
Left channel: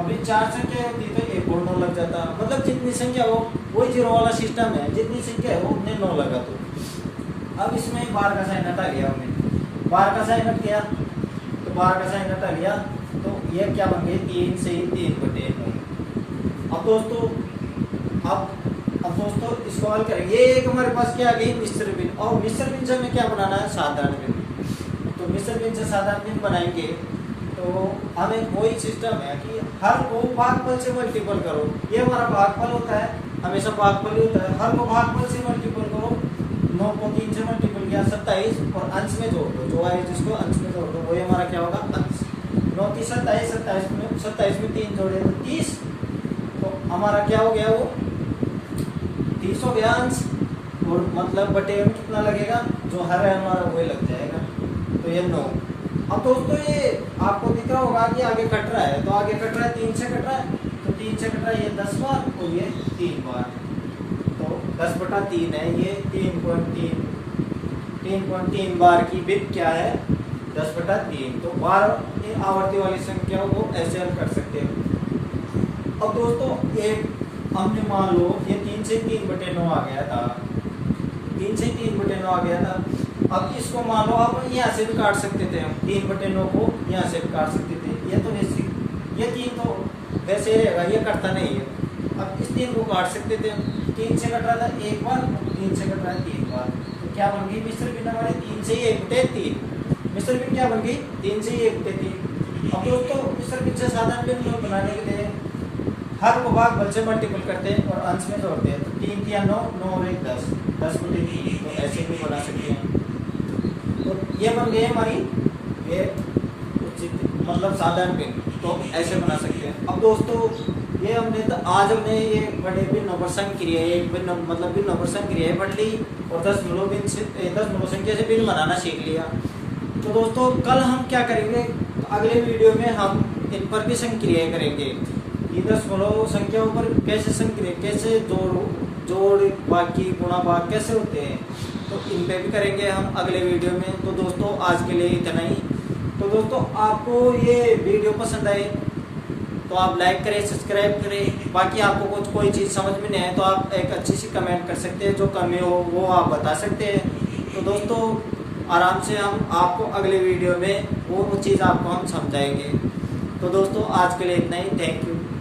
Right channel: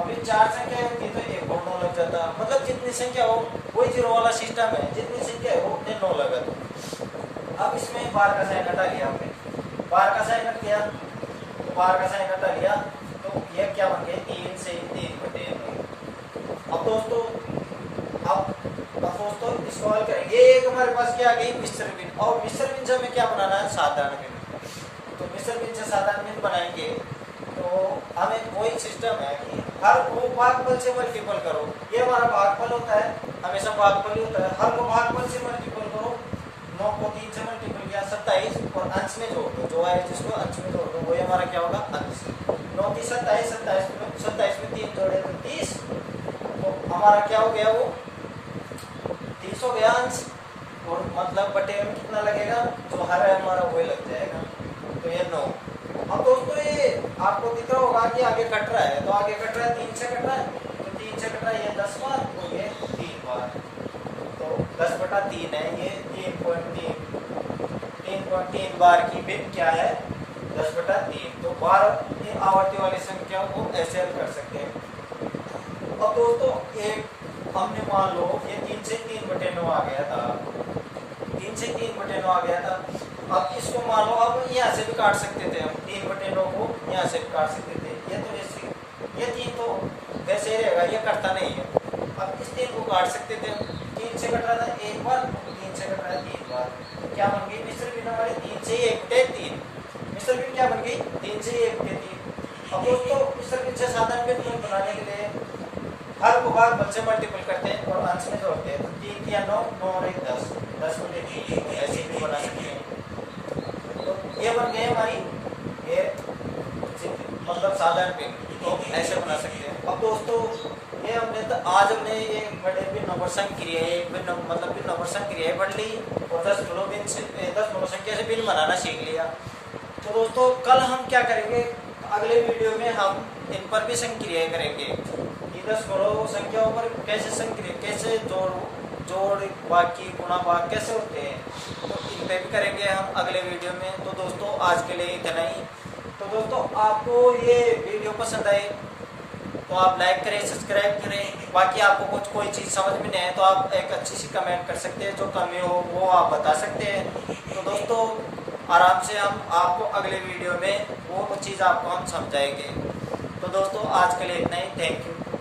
अभी 4 संख्या होती तो 1 और 9 लग जाता। मतलब जितनी संख्या हो, वही जीरो वाला सिस्टम है, जितनी संख्या है वो उतने 9 लगा दो। अब इसमें बार का साइन हटा लिया हमने, बार का साइन हट गया, तो बार का साइन हटा लिया तो ये क्या बन गई 3 से 3/9। अब दोस्तों इसको हल करेंगे। ये एक हमारे पास क्या आ गई मिश्र भिन्न, और मिश्र भिन्न से हमें क्या बनाना है साधारण भिन्न। तो मिश्र भिन्न से साधारण भिन्न बनाएंगे तो हमें वही सिस्टम है कि हर को भागफल से मल्टीपल करो। ये हमारा भागफल होता है, हमेशा भागफल ही होता है। हर को भागफल से मल्टीपल करो, 9 को 3 से मल्टीपल किया 27 और अंश में जोड़ दो, जो है जिसको अंश में जोड़ दो वही हमारा क्या होगा अंश। 9 3 27, 27 में 3 जोड़े तो 30, तो हमारा क्या हो गया वो 30 हो गया अंश। और मतलब बटे में कितना लगेगा, जो हर है हमारा वही लग जाएगा, तो ये 9। अब दोस्तों ये आपको दिख रहा होगा कि आगे कट रहा है, तो आगे कट रहा है 3 से कट रहा है, तो 3 से कट रहा है ये 10 बार और ये 3 बार, तो 10/3 है ये 3.3 बार की बिट क्या है 10/3। तो बार आवर्ती वाली संख्या को ऐसे हल कर सकते हैं। अब दोस्तों एक हमने मान लो ये 3 से 3/9 आ गया था, 3 से 3/9 आ गया था। अब इसको मान लो अब यहाँ से भी काट सकते थे हम, 3/9 को यहाँ से भी काट सकते थे। ये तो ये 3 तो वैसे ही रहेगा, ये कटता नहीं है। अब इस 3 को काट सकते थे, 3 से कट रहा था 1 बार, 3 से कट रहा है 3 बार, तो क्या बन गई मिश्र भिन्न हमारे 3 से 1/3। मिश्र भिन्न क्या बन गई 3 से 1/3। अब दोस्तों मिश्र भिन्न से साधारण भिन्न बनाने के लिए हर को भागफल से मल्टीपल करते हैं और अंश में जोड़ते हैं। 3 या 9, 9 और 1 10, 10/3, तो ऐसे भी बना सकते हैं। तो ये बन गए हमारी ये मतलब साधारण भिन्न, तो ऐसे बना सकते हैं। अब दोस्तों ये आज हमने ये बड़े भिन्न नंबर संक्रिया मतलब भिन्न नंबर संक्रिया पढ़ ली और 10 मूलों संख्या से भिन्न बनाना सीख लिया। तो दोस्तों कल हम क्या करेंगे, अगले वीडियो में हम इन पर भी संक्रियाएं करेंगे कि 10 मूलों संख्याओं पर कैसे संक्रिया, कैसे जोड़ बाकी गुणा भाग कैसे होते हैं, तो इन पे भी करेंगे हम अगले वीडियो में। तो दोस्तों आज के लिए इतना ही। तो दोस्तों आपको ये वीडियो पसंद आए तो आप लाइक करें, सब्सक्राइब करें। बाकी आपको कुछ कोई चीज़ समझ में नहीं आए तो आप एक अच्छी सी कमेंट कर सकते हैं, जो कमी हो वो आप बता सकते हैं। तो दोस्तों आराम से हम आपको अगले वीडियो में वो चीज़ आपको हम समझाएंगे। तो दोस्तों आज के लिए इतना ही, थैंक यू।